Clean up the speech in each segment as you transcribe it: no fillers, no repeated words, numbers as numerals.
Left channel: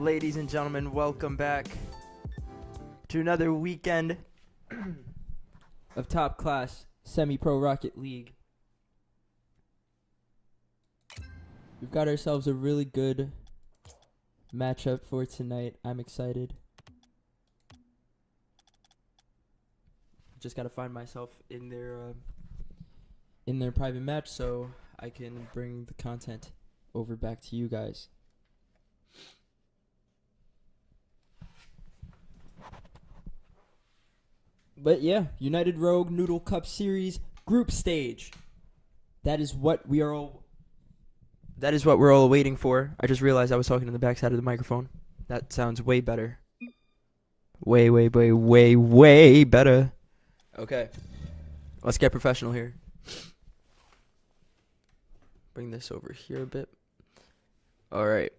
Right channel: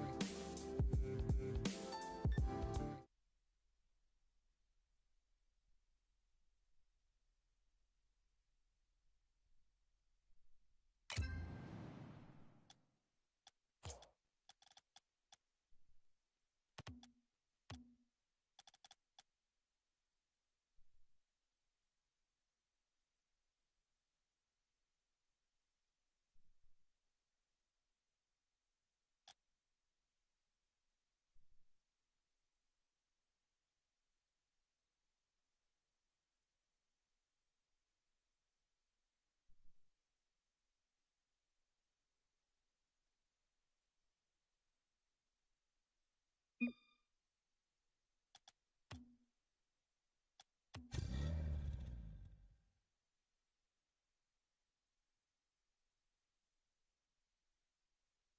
Ladies and gentlemen, welcome back to another weekend of top class semi-pro Rocket League. We've got ourselves a really good matchup for tonight. I'm excited. Just gotta find myself in their private match so I can bring the content over back to you guys. But yeah, United Rogue Noodle Cup Series group stage. That is what we're all waiting for. I just realized I was talking to the backside of the microphone. That sounds way better. Way better. Okay. Let's get professional here. Bring this over here a bit. All right.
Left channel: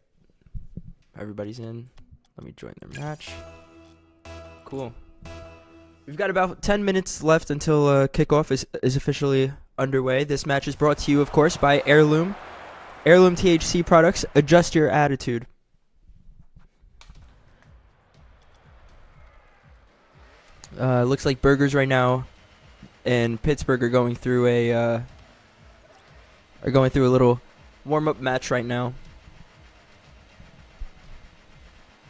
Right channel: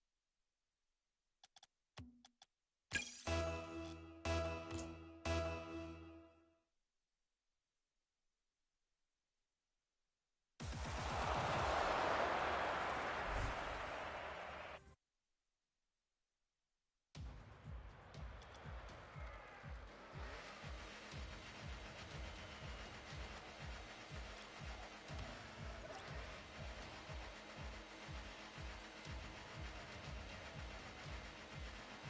Everybody's in. Let me join their match. Cool. We've got about 10 minutes left until kickoff is officially underway. This match is brought to you, of course, by Heirloom. Heirloom THC products. Adjust your attitude. Looks like Burgers right now and Pittsburgh are going through a little warm-up match right now.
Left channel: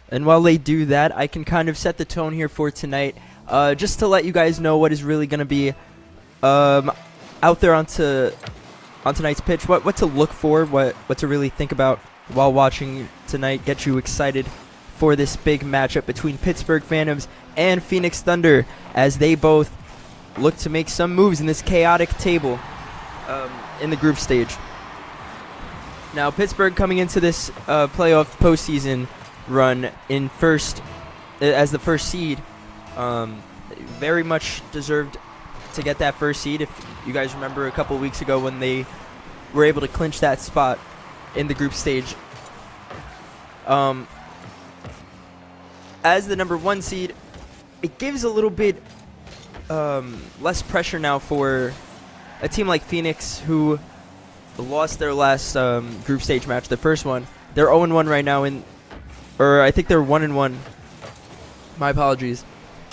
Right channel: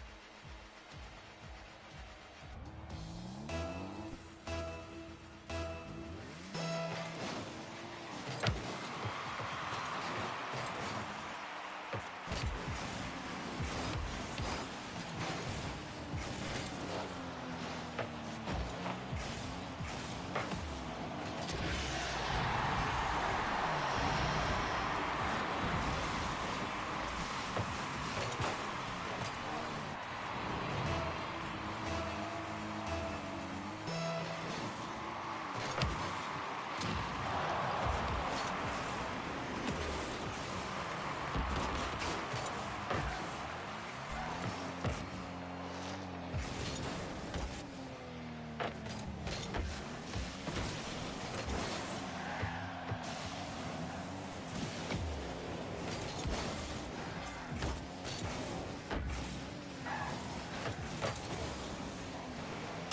And while they do that, I can kind of set the tone here for tonight. Just to let you guys know what is really going to be out there on tonight's pitch, what to look for, what to really think about while watching tonight, get you excited for this big matchup between Pittsburgh Phantoms and Phoenix Thunder as they both look to make some moves in this chaotic table in the group stage. Now, Pittsburgh coming into this playoff postseason run in as the first seed, very much deserved to get that first seed. If you guys remember a couple weeks ago when they were able to clinch that spot in the group stage. As the number 1 seed, it gives a little bit less pressure now for a team like PHEONIX, who lost their last group stage match, the first one. They're 0-1 right now or I think they're 1-1. My apologies.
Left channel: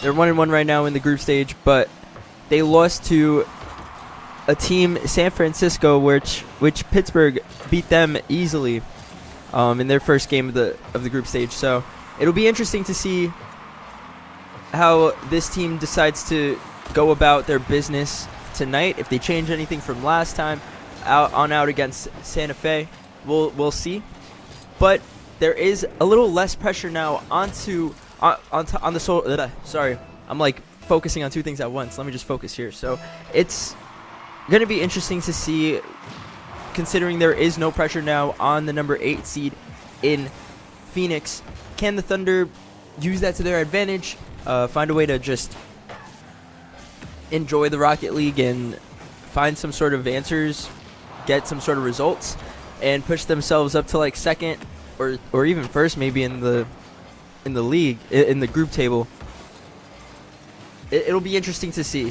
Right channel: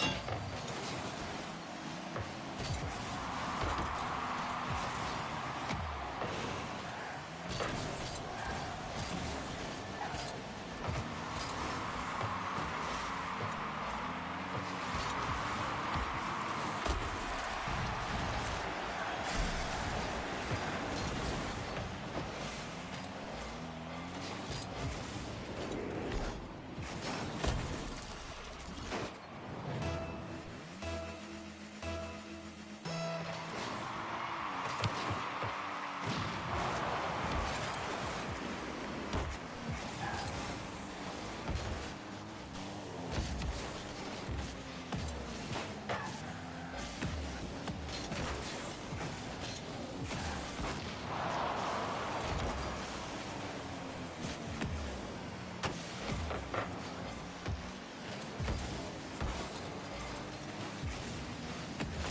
They're 1-1 right now in the group stage, but they lost to a team, San Francisco, which Pittsburgh beat them easily in their first game of the group stage. So it'll be interesting to see how this team decides to go about their business tonight. If they change anything from last time out against Santa Fe, we'll see. But there is a little less pressure now on the sorry, I'm like focusing on two things at once. Let me just focus here. So it's going to be interesting to see, considering there is no pressure now on the number 8 seed in PHEONIX. Can the Thunder use that to their advantage, find a way to just enjoy the Rocket League and find some sort of answers, get some sort of results, and push themselves up to like second or even first maybe in the league, in the group table? It'll be interesting to see.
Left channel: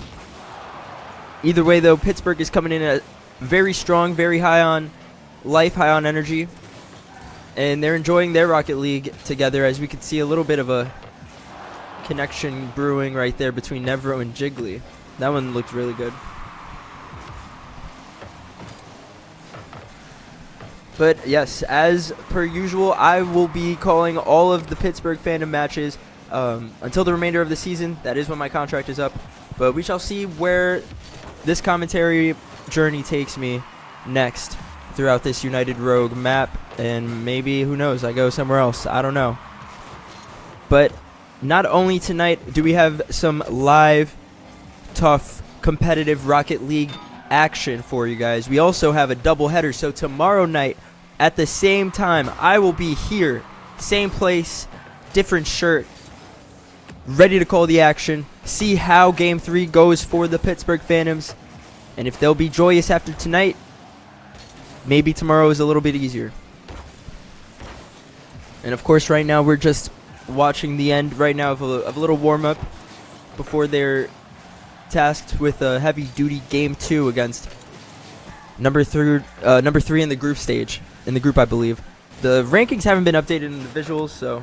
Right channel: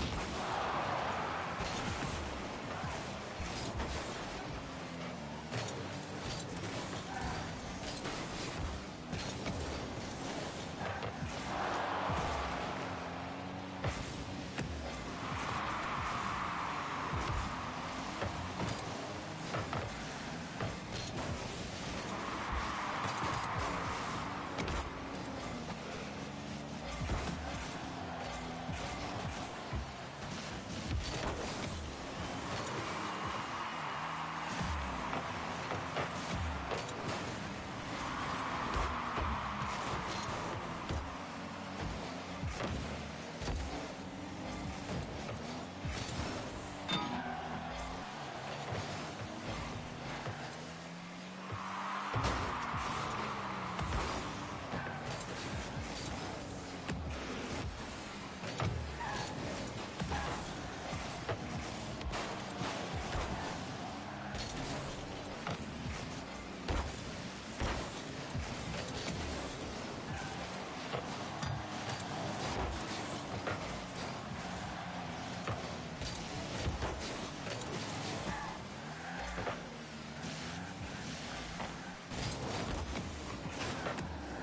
Either way, though, Pittsburgh is coming in at very strong, very high on life, high on energy, and they're enjoying their Rocket League together, as we can see a little bit of a connection brewing right there between Nevro and Jiggly. That one looked really good. But yes, as per usual, I will be calling all of the Pittsburgh fandom matches until the remainder of the season. That is when my contract is up. But we shall see where this commentary journey takes me next throughout this United Rogue map. And maybe, who knows, I go somewhere else. I don't know. But not only tonight do we have some live, tough, competitive Rocket League action for you guys, we also have a doubleheader. So tomorrow night at the same time, I will be here, same place, different shirt, ready to call the action, see how Game 3 goes for the Pittsburgh Phantoms, and if they'll be joyous after tonight, maybe tomorrow is a little bit easier. And of course, right now we're just watching the end right now of a little warm-up before they're tasked with a heavy-duty Game 2 against number 3 in the group stage, in the group, I believe. The rankings haven't been updated in the visuals, so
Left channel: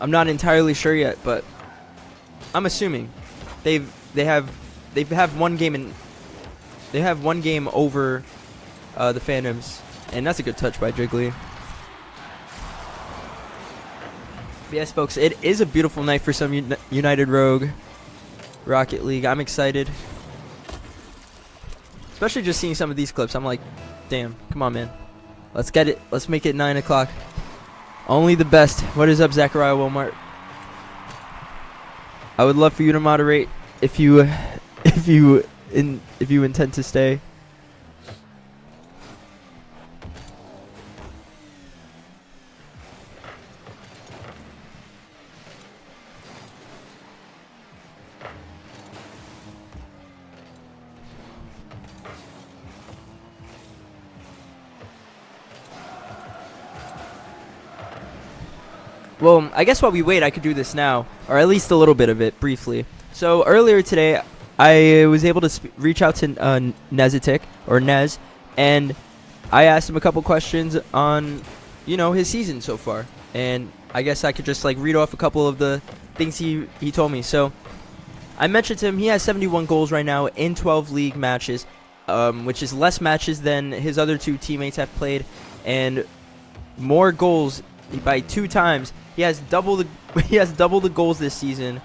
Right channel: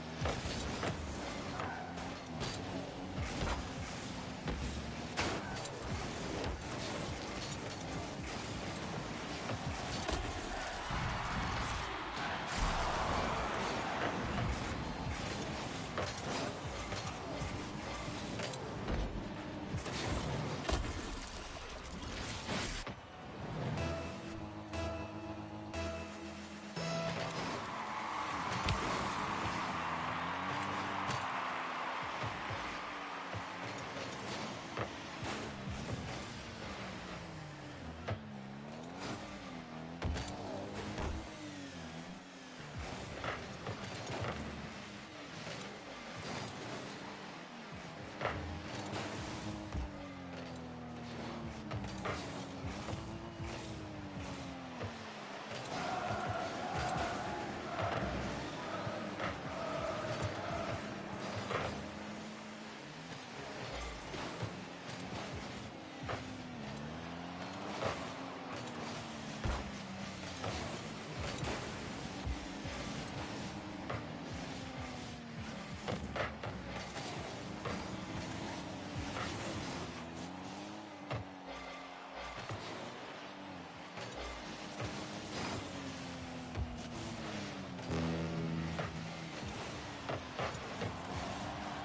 I'm not entirely sure yet, but I'm assuming they have one game over the Phantoms, and that's a good touch by Jiggly. Yes, folks, it is a beautiful night for some United Rogue Rocket League. I'm excited, especially just seeing some of these clips. I'm like, damn, come on, man, let's get it. Let's make it 9 o'clock. Only the best. What is up, Zachariah Walmart? I would love for you to moderate if you intend to stay. Well, I guess while we wait, I could do this now, or at least a little bit of it, briefly. So earlier today, I was able to reach out to Nezitic, or Nez, and I asked him a couple questions on, his season so far. And I guess I could just read off a couple of the things he told me. So I mentioned to him he has 71 goals right now in 12 league matches, which is less matches than his other two teammates have played, and more goals by 2 times. He has double the goals this season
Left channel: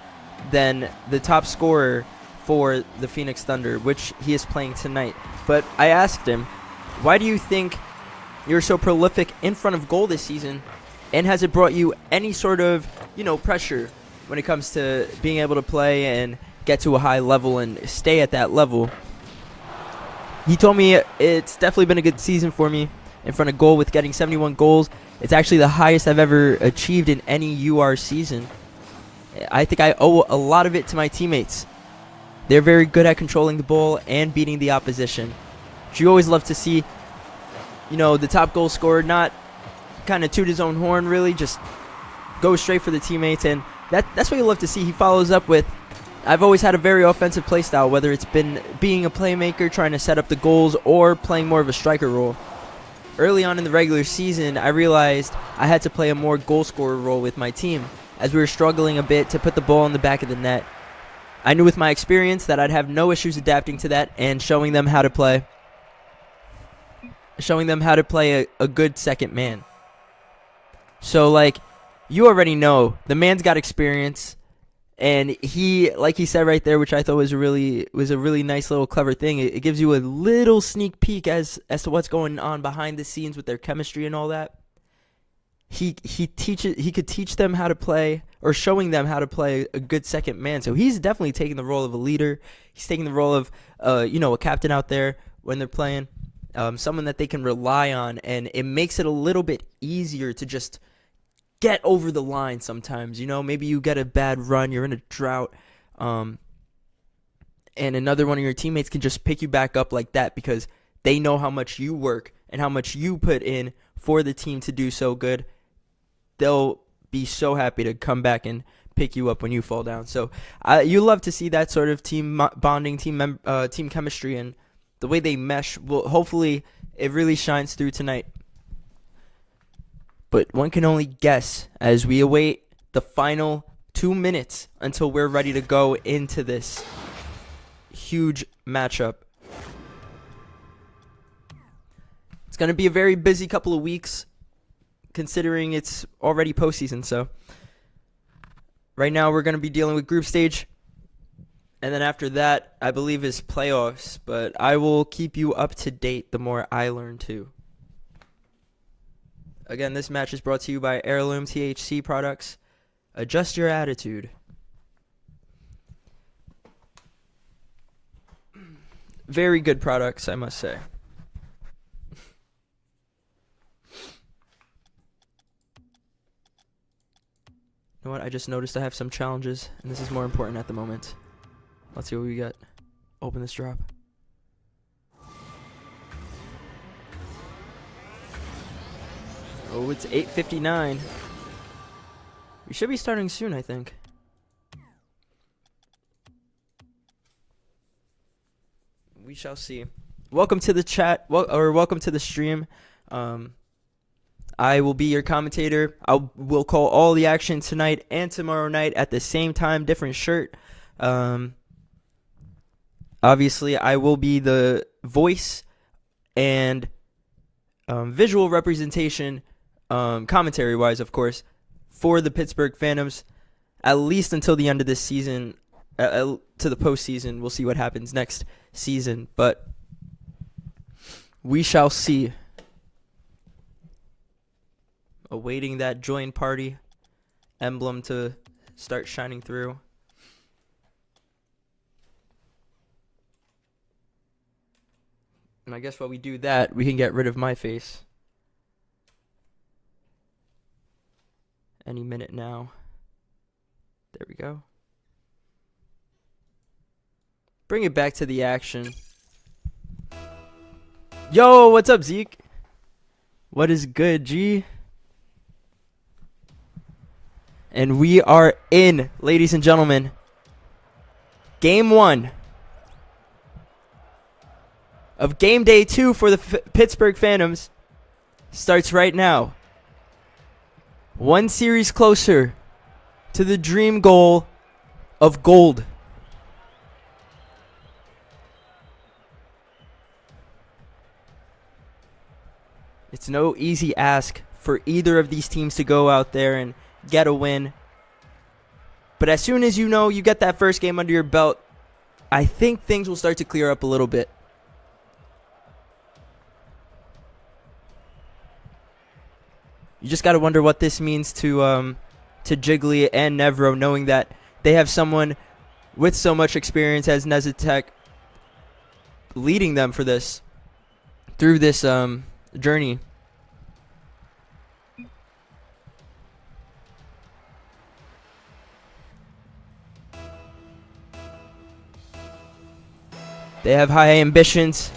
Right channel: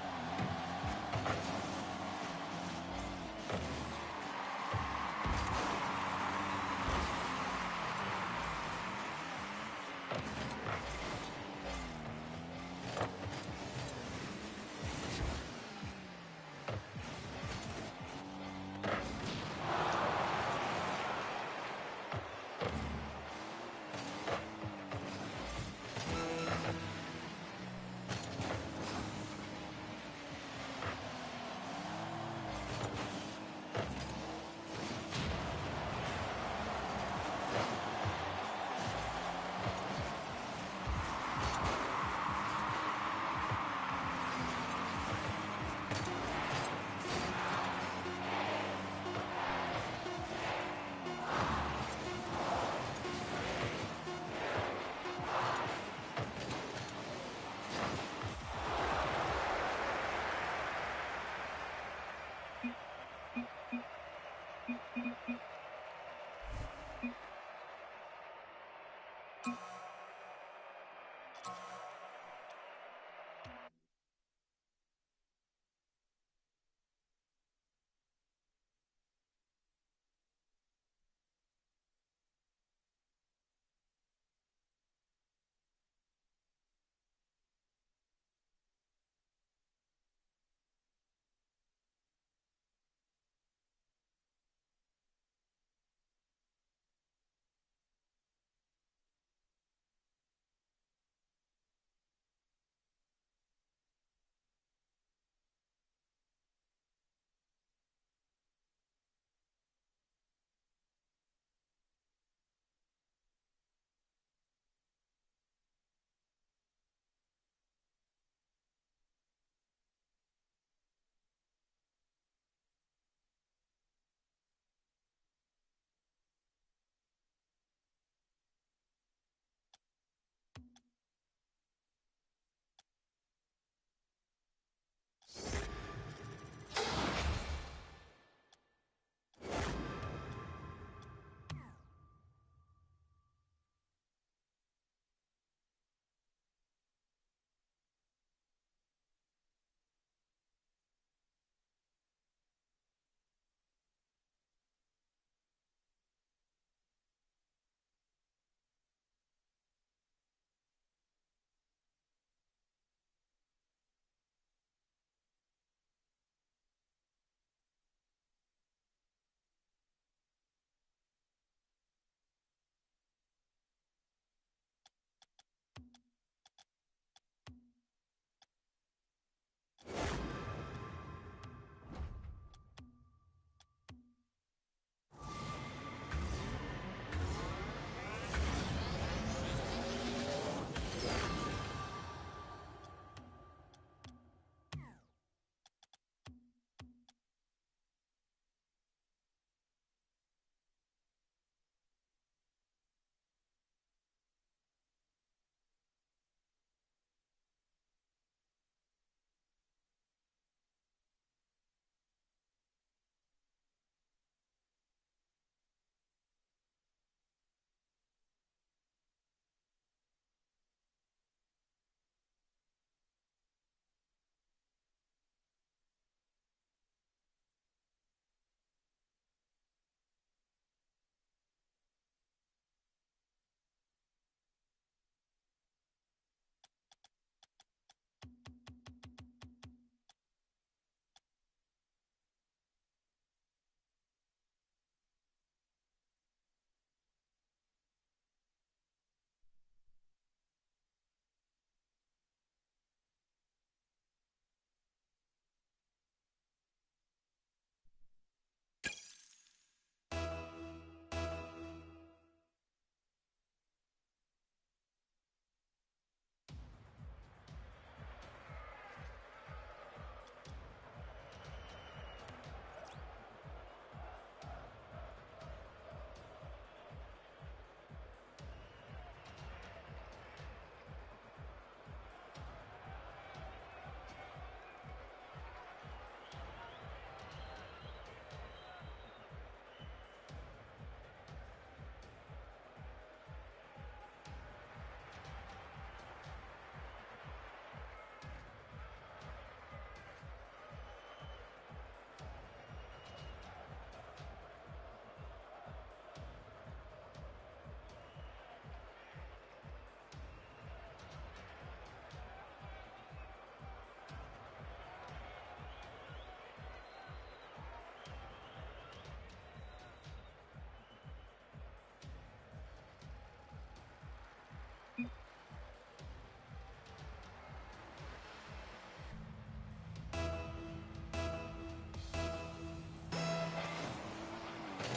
than the top scorer for the Phoenix Thunder, which he is playing tonight. But I asked him, why do you think you're so prolific in front of goal this season, and has it brought you any sort of pressure when it comes to being able to play and get to a high level and stay at that level? He told me it's definitely been a good season for me in front of goal with getting 71 goals. It's actually the highest I've ever achieved in any UR season. I think I owe a lot of it to my teammates. They're very good at controlling the ball and beating the opposition. Which you always love to see, you know, the top goal scorer not kind of toot his own horn, really, just go straight for the teammates. And that's what you love to see. He follows up with, I've always had a very offensive play style, whether it's been being a playmaker, trying to set up the goals, or playing more of a striker role. Early on in the regular season, I realized I had to play a more goal scorer role with my team, as we were struggling a bit to put the ball in the back of the net. I knew with my experience that I'd have no issues adapting to that and showing them how to play a good second man. So, like, you already know, the man's got experience. And he, like he said right there, which I thought was a really nice little clever thing. It gives you a little sneak peek as to what's going on behind the scenes with their chemistry and all that. He could teach them how to play, or showing them how to play a good second man. So he's definitely taking the role of a leader. He's taking the role of a captain out there when they're playing, someone that they can rely on, and it makes it a little bit easier to just get over the line sometimes. Maybe you get a bad run, you're in a drought, and another one of your teammates can just pick you back up like that because they know how much you work and how much you put in for the team to do so good. They'll be so happy to come back and pick you up when you fall down. So you love to see that sort of team bonding, team chemistry, and the way they mesh. Well, hopefully it really shines through tonight. But one can only guess as we await the final 2 minutes until we're ready to go into this huge matchup. It's going to be a very busy couple of weeks, considering it's already postseason. So right now we're going to be dealing with group stage. And then after that, I believe, is playoffs. But I will keep you up to date the more I learn too. Again, this match is brought to you by Heirloom THC products. Adjust your attitude. Very good products, I must say. You know what? I just noticed I have some challenges, and this is more important at the moment. Let's see what we got. Open this drop. Oh, it's 8:59. We should be starting soon, I think. We shall see. Welcome to the chat, welcome to the stream. I will be your commentator. We'll call all the action tonight and tomorrow night at the same time, different shirt. Obviously, I will be the voice and visual representation, commentary-wise, of course, for the Pittsburgh Phantoms, at least until the end of this season, to the postseason. We'll see what happens next season, but we shall see. Awaiting that join party emblem to start shining through. And I guess while we do that, we can get rid of my face. Any minute now. There we go. Bring it back to the action. Yo, what's up, Zeke? What is good, G? And we are in, ladies and gentlemen. Game 1 of game day 2 for the Pittsburgh Phantoms starts right now. One series closer to the dream goal of gold. It's no easy ask for either of these teams to go out there and get a win. But as soon as you get that first game under your belt, I think things will start to clear up a little bit. You just got to wonder what this means to Jiggly and Nevro, knowing that they have someone with so much experience as Nezatek leading them for this, through this journey. They have high ambitions.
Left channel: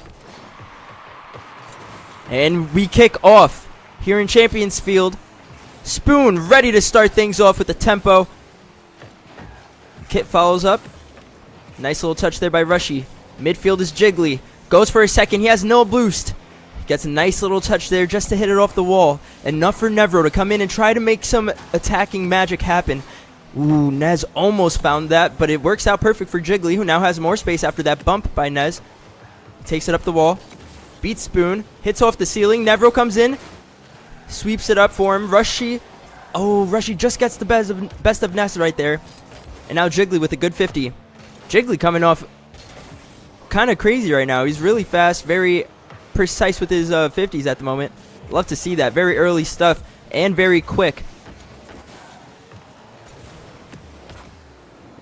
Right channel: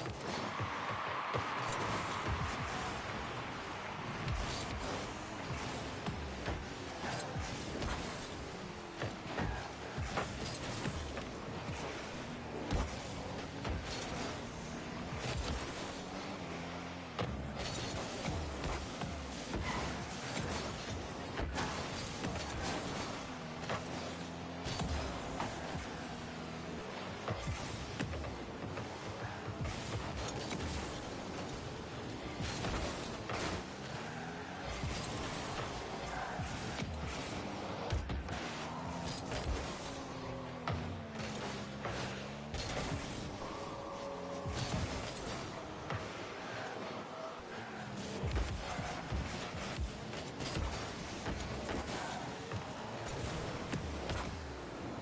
And we kick off here in Champions Field. Spoon ready to start things off with the tempo. Kit follows up. Nice little touch there by Rushy. Midfield is Jiggly. Goes for a second. He has no boost. Gets a nice little touch there just to hit it off the wall. Enough for Nevro to come in and try to make some attacking magic happen. Ooh, Nez almost found that, but it works out perfect for Jiggly, who now has more space after that bump by Nez. Takes it up the wall. Beats Spoon. Hits off the ceiling. Nevro comes in. Sweeps it up for him. Rushy. Oh, Rushy just gets the best of Nez right there. And now Jiggly with a good 50. Jiggly coming off kind of crazy right now. He's really fast, very precise with his 50s at the moment. Love to see that. Very early stuff and very quick.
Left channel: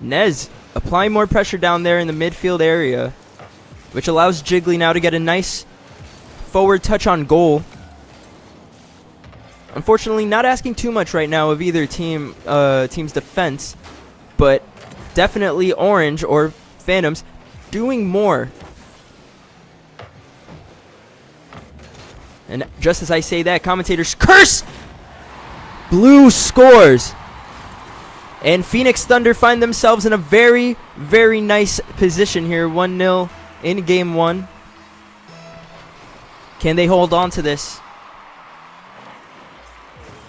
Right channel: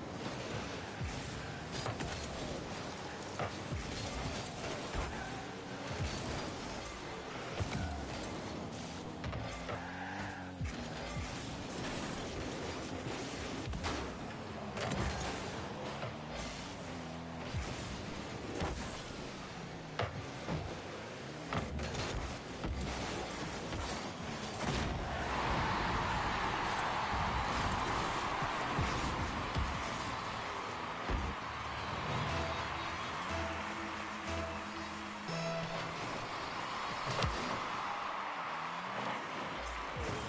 Nez applying more pressure down there in the midfield area, which allows Jiggly now to get a nice forward touch on goal. Unfortunately, not asking too much right now of either team's defense, but definitely Orange or Phantoms doing more. And just as I say that, commentators curse! Blue scores. And Phoenix Thunder find themselves in a very, very nice position here. 1-0 in game 1. Can they hold on to this?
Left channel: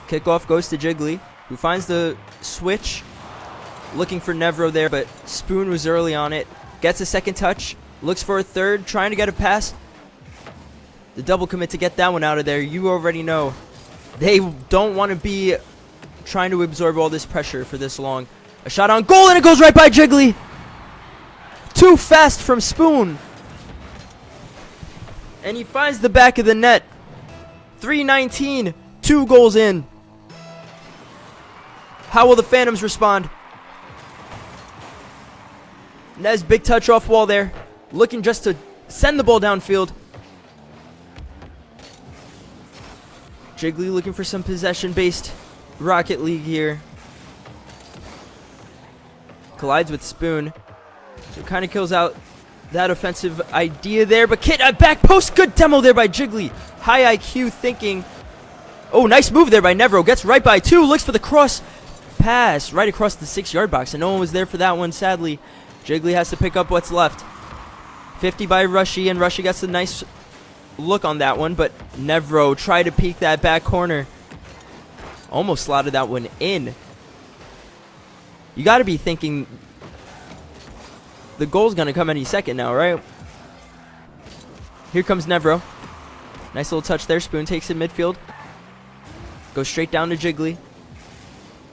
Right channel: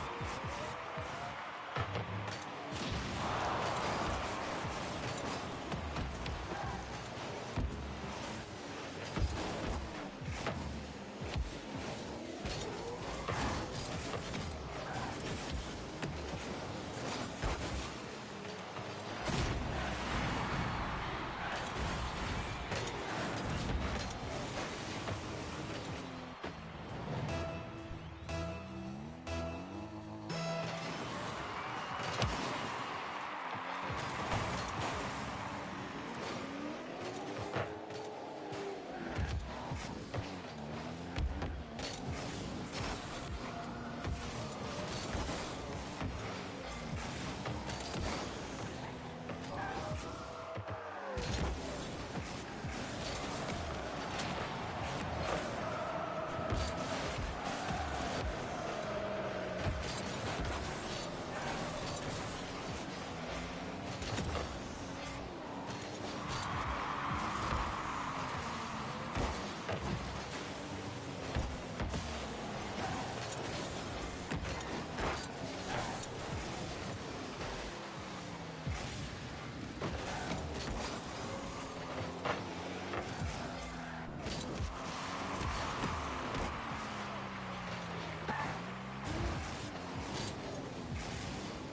Kickoff goes to Jiggly, who finds the switch. Looking for Nevro there, but Spoon was early on it. Gets a second touch. Looks for a third, trying to get a pass. The double commit to get that one out of there. You already know. They don't want to be trying to absorb all this pressure for this long. A shot on goal, and it goes right by Jiggly. Too fast from Spoon. And he finds the back of the net. 3:19, 2 goals in. How will the Phantoms respond? Nez, big touch off wall there. Looking just to send the ball downfield. Jiggly looking for some possession-based Rocket League here. Collides with Spoon. Kind of kills out that offensive idea there. But Kit at back post. Good demo there by Jiggly. High IQ thinking. Oh, nice move there by Nevro. Gets right by 2. Looks for the cross pass right across the 6-yard box. And no one was there for that one, sadly. Jiggly has to pick up what's left. 50 by Rushy. And Rushy gets a nice look on that one. But Nevro tried to peek that back corner. Almost slotted that one in. You got to be thinking the goal's going to come any second now, right? Here comes Nevro. Nice little touch there. Spoon takes it midfield. Goes straight down to Jiggly.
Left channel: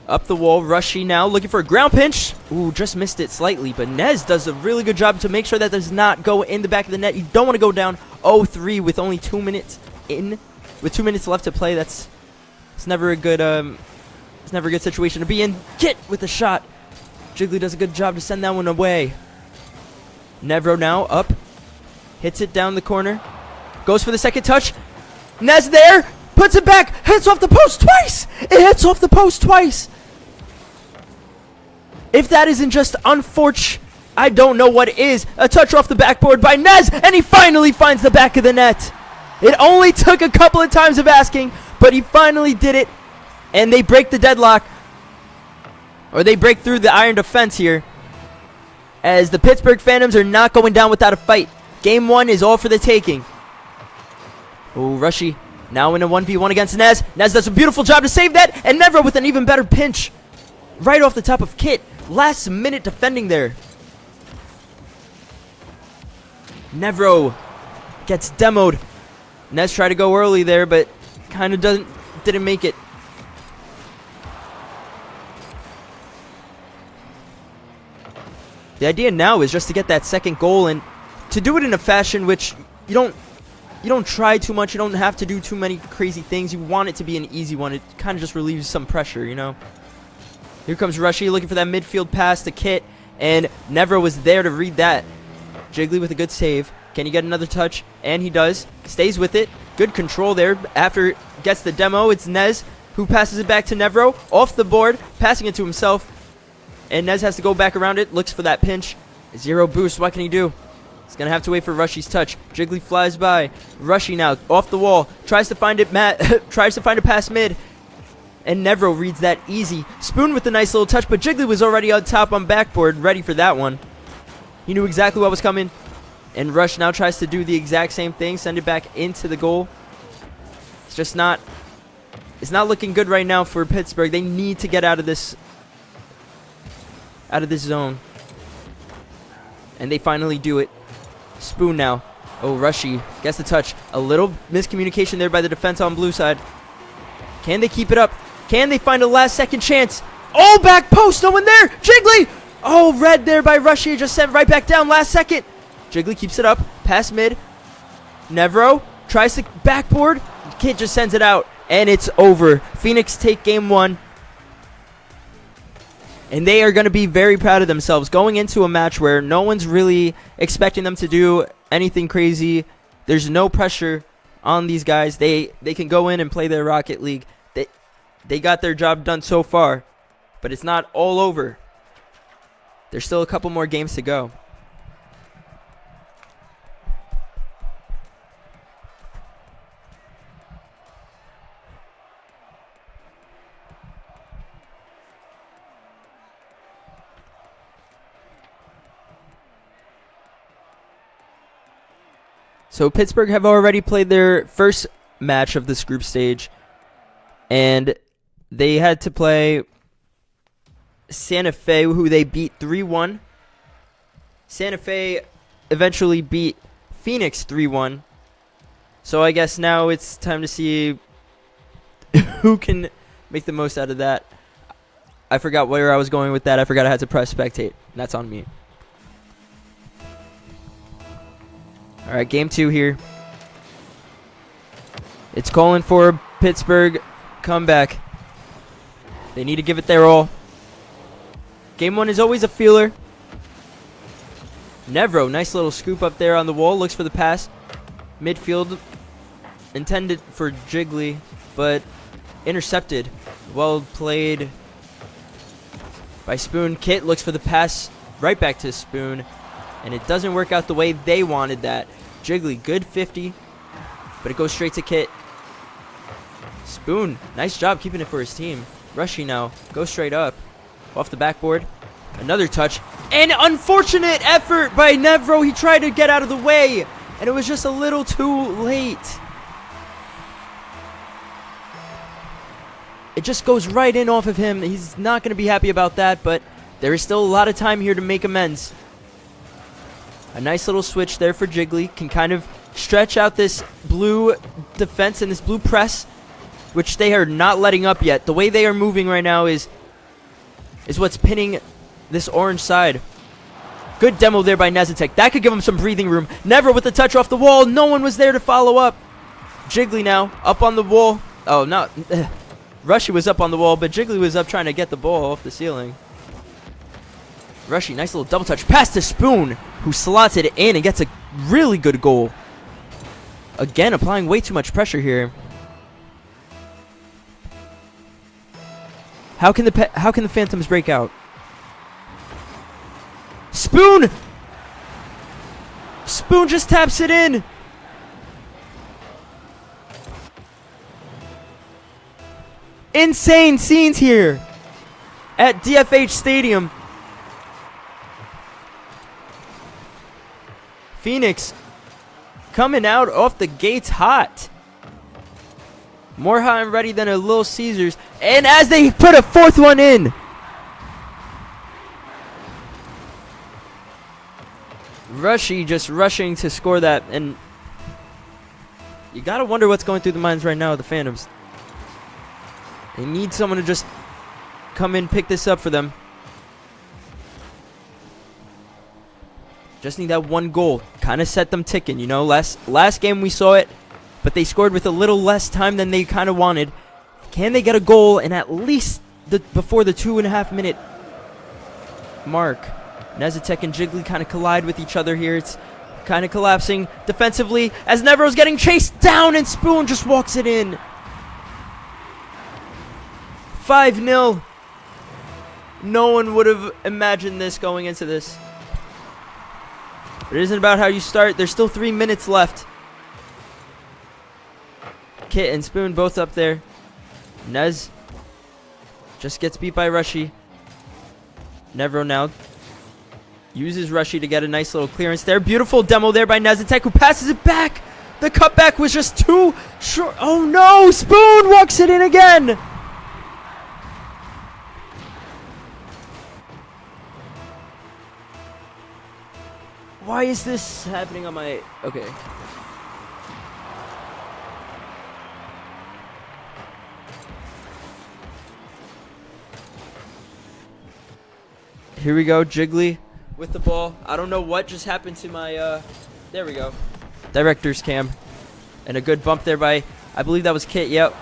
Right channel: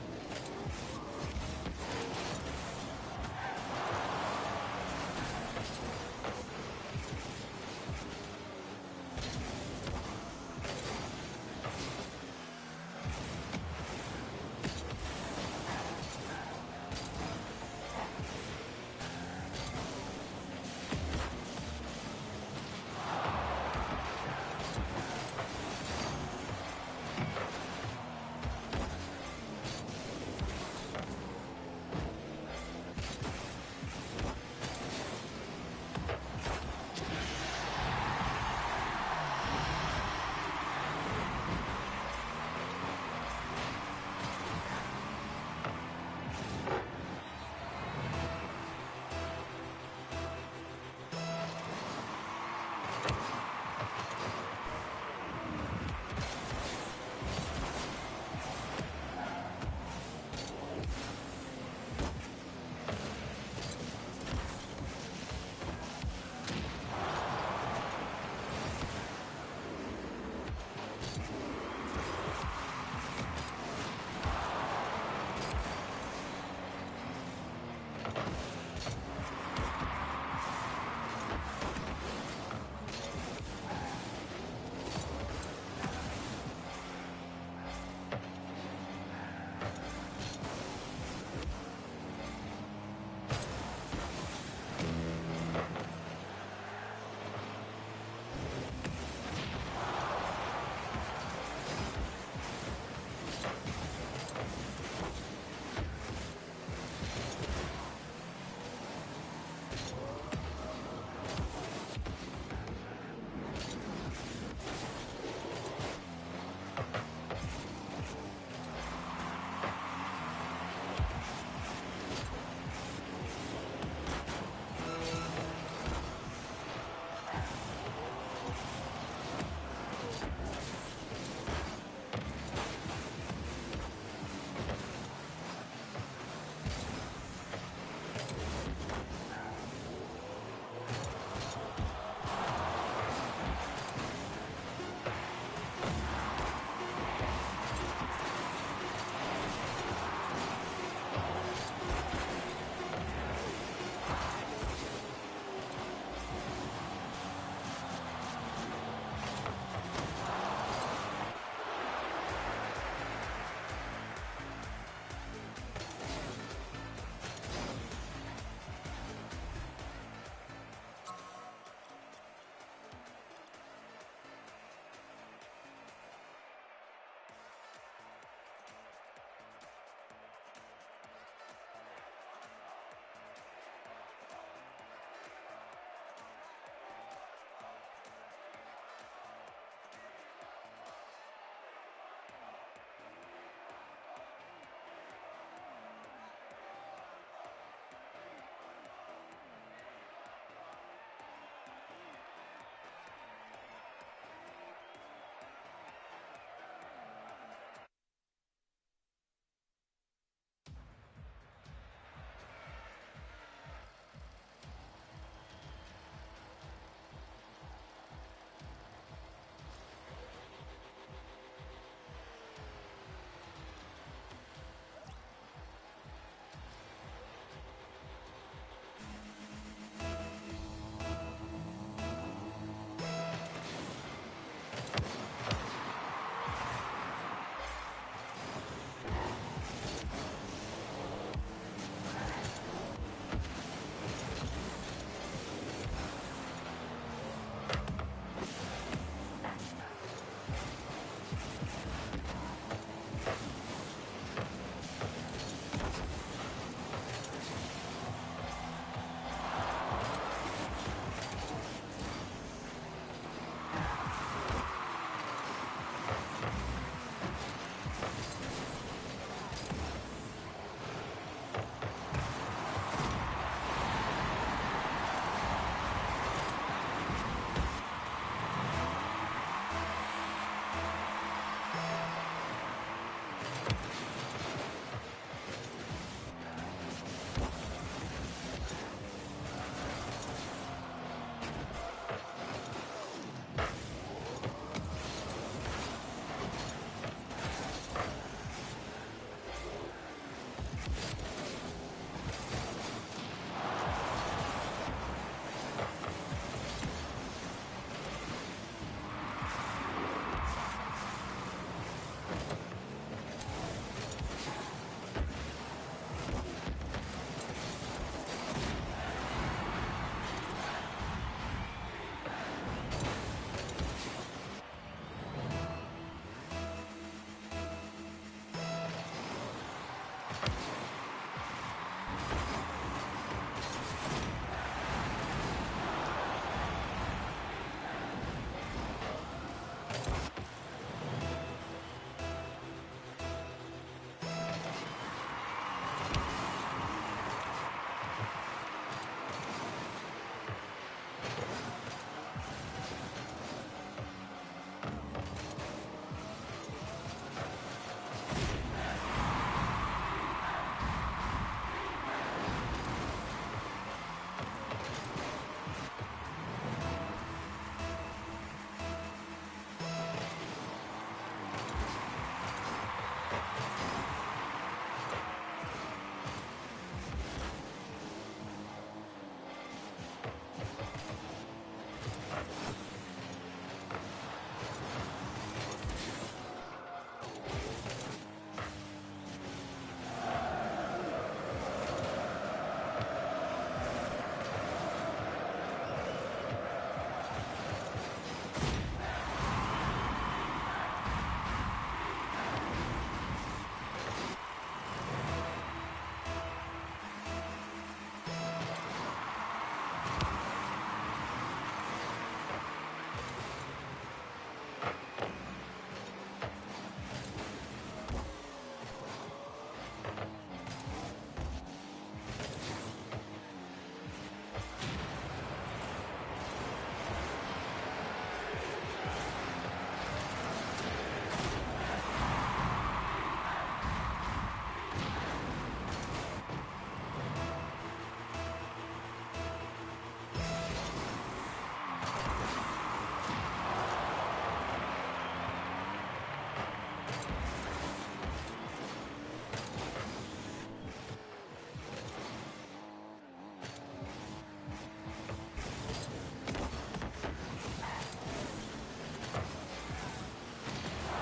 Up the wall. Rushy now looking for a ground pinch. Ooh, just missed it slightly. But Nez does a really good job to make sure that does not go in the back of the net. You don't want to go down 0-3 with only 2 minutes in. With 2 minutes left to play, it's never a good situation to be in. Kit with the shot. Jiggly does a good job to send that one away. Nevro now up. Hits it down the corner. Goes for the second touch. Nez there. Puts it back. Hits off the post twice. It hits off the post twice. If that isn't just unfortunate, I don't know what is. A touch off the backboard by Nez. And he finally finds the back of the net. It only took a couple of times of asking, but he finally did it. And they break the deadlock. Or they break through the iron defense here. As the Pittsburgh Phantoms are not going down without a fight. Game 1 is all for the taking. Oh, Rushy now in a 1v1 against Nez. Nez does a beautiful job to save that. And Nevro with an even better pinch. Right off the top of Kit. Last minute defending there. Nevro gets demoed. Nez tried to go early there, but kind of didn't make it. The idea now is just to get that second goal and to do it in a fashion which you don't try too much. You don't have to do too many crazy things. You want it to be an easy one. It kind of just relieves some pressure, you know. Here comes Rushy looking for that midfield pass to Kit, and Nevro was there to read that. Jiggly with a good save. Can he get another touch? And he does. Stays with it. Good control there. After gets the demo, it's Nez who passes it back to Nevro. Off the board, passing it to himself. And Nez has to go back around it. Looks for that pinch. 0 boost. What can he do? He's going to have to wait for Rushy's touch. Jiggly flies by. Rushy now off the wall. Tries to find it. Tries to find a pass mid. And Nevro reads that easy. Spoon with a nice little touch, but Jiggly was already on top on backboard, ready for that one. He knew exactly what was coming. And Rush now tries to do the exact same thing, send it back into the goal. It's just not, it's not looking good right now for Pittsburgh. They need to get out of this zone. And they finally do it. Spoon now. Oh, Rushy gets the touch. A little miscommunication there by the defense on blue side. Can they keep it up? Can they find a last second chance? Oh, back post, no one there. Jiggly. Oh, red there by Rushy, just sent right back down last second. Jiggly keeps it up, pass mid. Nevro tries to backboard. Kid just sends it out, and it's over. PHEONIX take game 1. And they are going to be very proud of themselves going into a match where no one's really expecting them to do anything crazy. There's no pressure on these guys. They can go in and play their Rocket League. They got their job done so far, but it's not all over. There's still a couple more games to go. So Pittsburgh have already played their first match of this group stage, and they had to play Santa Fe, who they beat 3-1. Santa Fe eventually beat PHEONIX 3-1. So I guess now it's time to see who can make the most out of that. I forgot where I was going with that. I forgot I had to press spectate. That's on me. All right, game 2 here. It's calling for a Pittsburgh comeback. They need to give it their all. Game 1 is always a feeler. Nevro, nice little scoop up there on the wall. Looks for the pass. Midfield intended for Jiggly, but intercepted. Well played by Spoon. Kit looks for the pass right back to Spoon, and it doesn't work out the way they wanted that. Jiggly, good 50, but it goes straight to Kit. Spoon, nice job keeping it for his team. Rushy now, goes straight up, off the backboard. Another touch, and unfortunate effort by Nevro. He tried to get out of the way, and it was just a little too late. It just goes right in off of him. He's not going to be happy about that, but there is still a lot of time here to make amends. A nice little switch there for Jiggly. Can kind of stretch out this blue defense and this blue press, which they are not letting up yet. The way they are moving right now is what's pinning this orange side. Good demo there by Nezatek. That could give him some breathing room. Never with the touch off the wall. No one was there to follow up. Jiggly now up on the wall. Oh, no. Rushy was up on the wall, but Jiggly was up trying to get the ball off the ceiling. Rushy, nice little double touch. Pass to Spoon, who slots it in and gets a really good goal. Again, applying way too much pressure here. How can the Phantoms break out? Spoon! Spoon just taps it in. Insane scenes here at DFH Stadium. PHEONIX coming out off the gates hot. More hot and ready than a Little Caesars. And as they put a fourth one in. Rushy just rushing to score that. And you got to wonder what's going through the minds right now of the Phantoms. They need someone to just come in, pick this up for them. Just need that one goal. Kind of set them ticking, you know. Last game we saw it, but they scored with a little less time than they kind of wanted. Can they get a goal in at least before the 2.5 minute mark? Nezatek and Jiggly kind of collide with each other here. It's kind of collapsing defensively as Nevro's getting chased down and Spoon just walks it in. 5-0. No one would have imagined this going into this. It isn't about how you start. There's still 3 minutes left. Kit and Spoon both up there. Nez just gets beat by Rushy. Nevro now uses Rushy to get a nice little clearance there. Beautiful demo there by Nezitek, who passes it back. The cutback was just too short. Oh no! Spoon walks it in again. Why is this happening on my... Okay. Here we go, Jiggly with the ball. I don't know what just happened to my, there we go. Director's cam. And a good bump there by, I believe that was Kit, yep.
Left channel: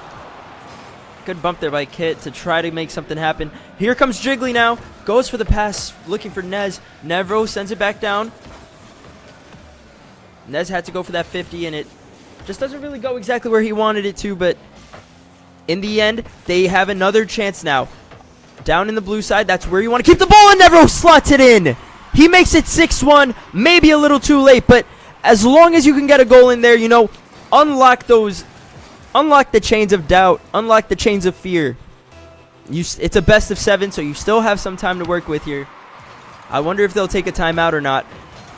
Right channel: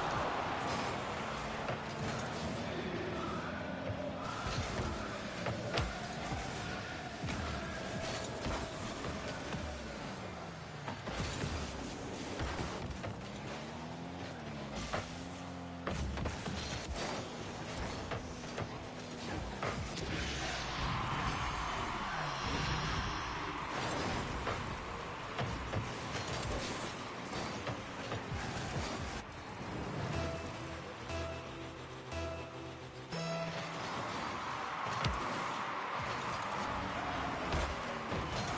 Good bump there by Kit to try to make something happen. Here comes Jiggly now. Goes for the pass, looking for Nez. Nevro sends it back down. Nez had to go for that 50, and it just doesn't really go exactly where he wanted it to, but in the end, they have another chance now. Down in the blue side, that's where you want to keep the ball, and Nevro slots it in. He makes it 6-1, maybe a little too late, but as long as you can get a goal in there, you know, unlock the chains of doubt, unlock the chains of fear. It's a best of 7, so you still have some time to work with here. I wonder if they'll take a timeout or not.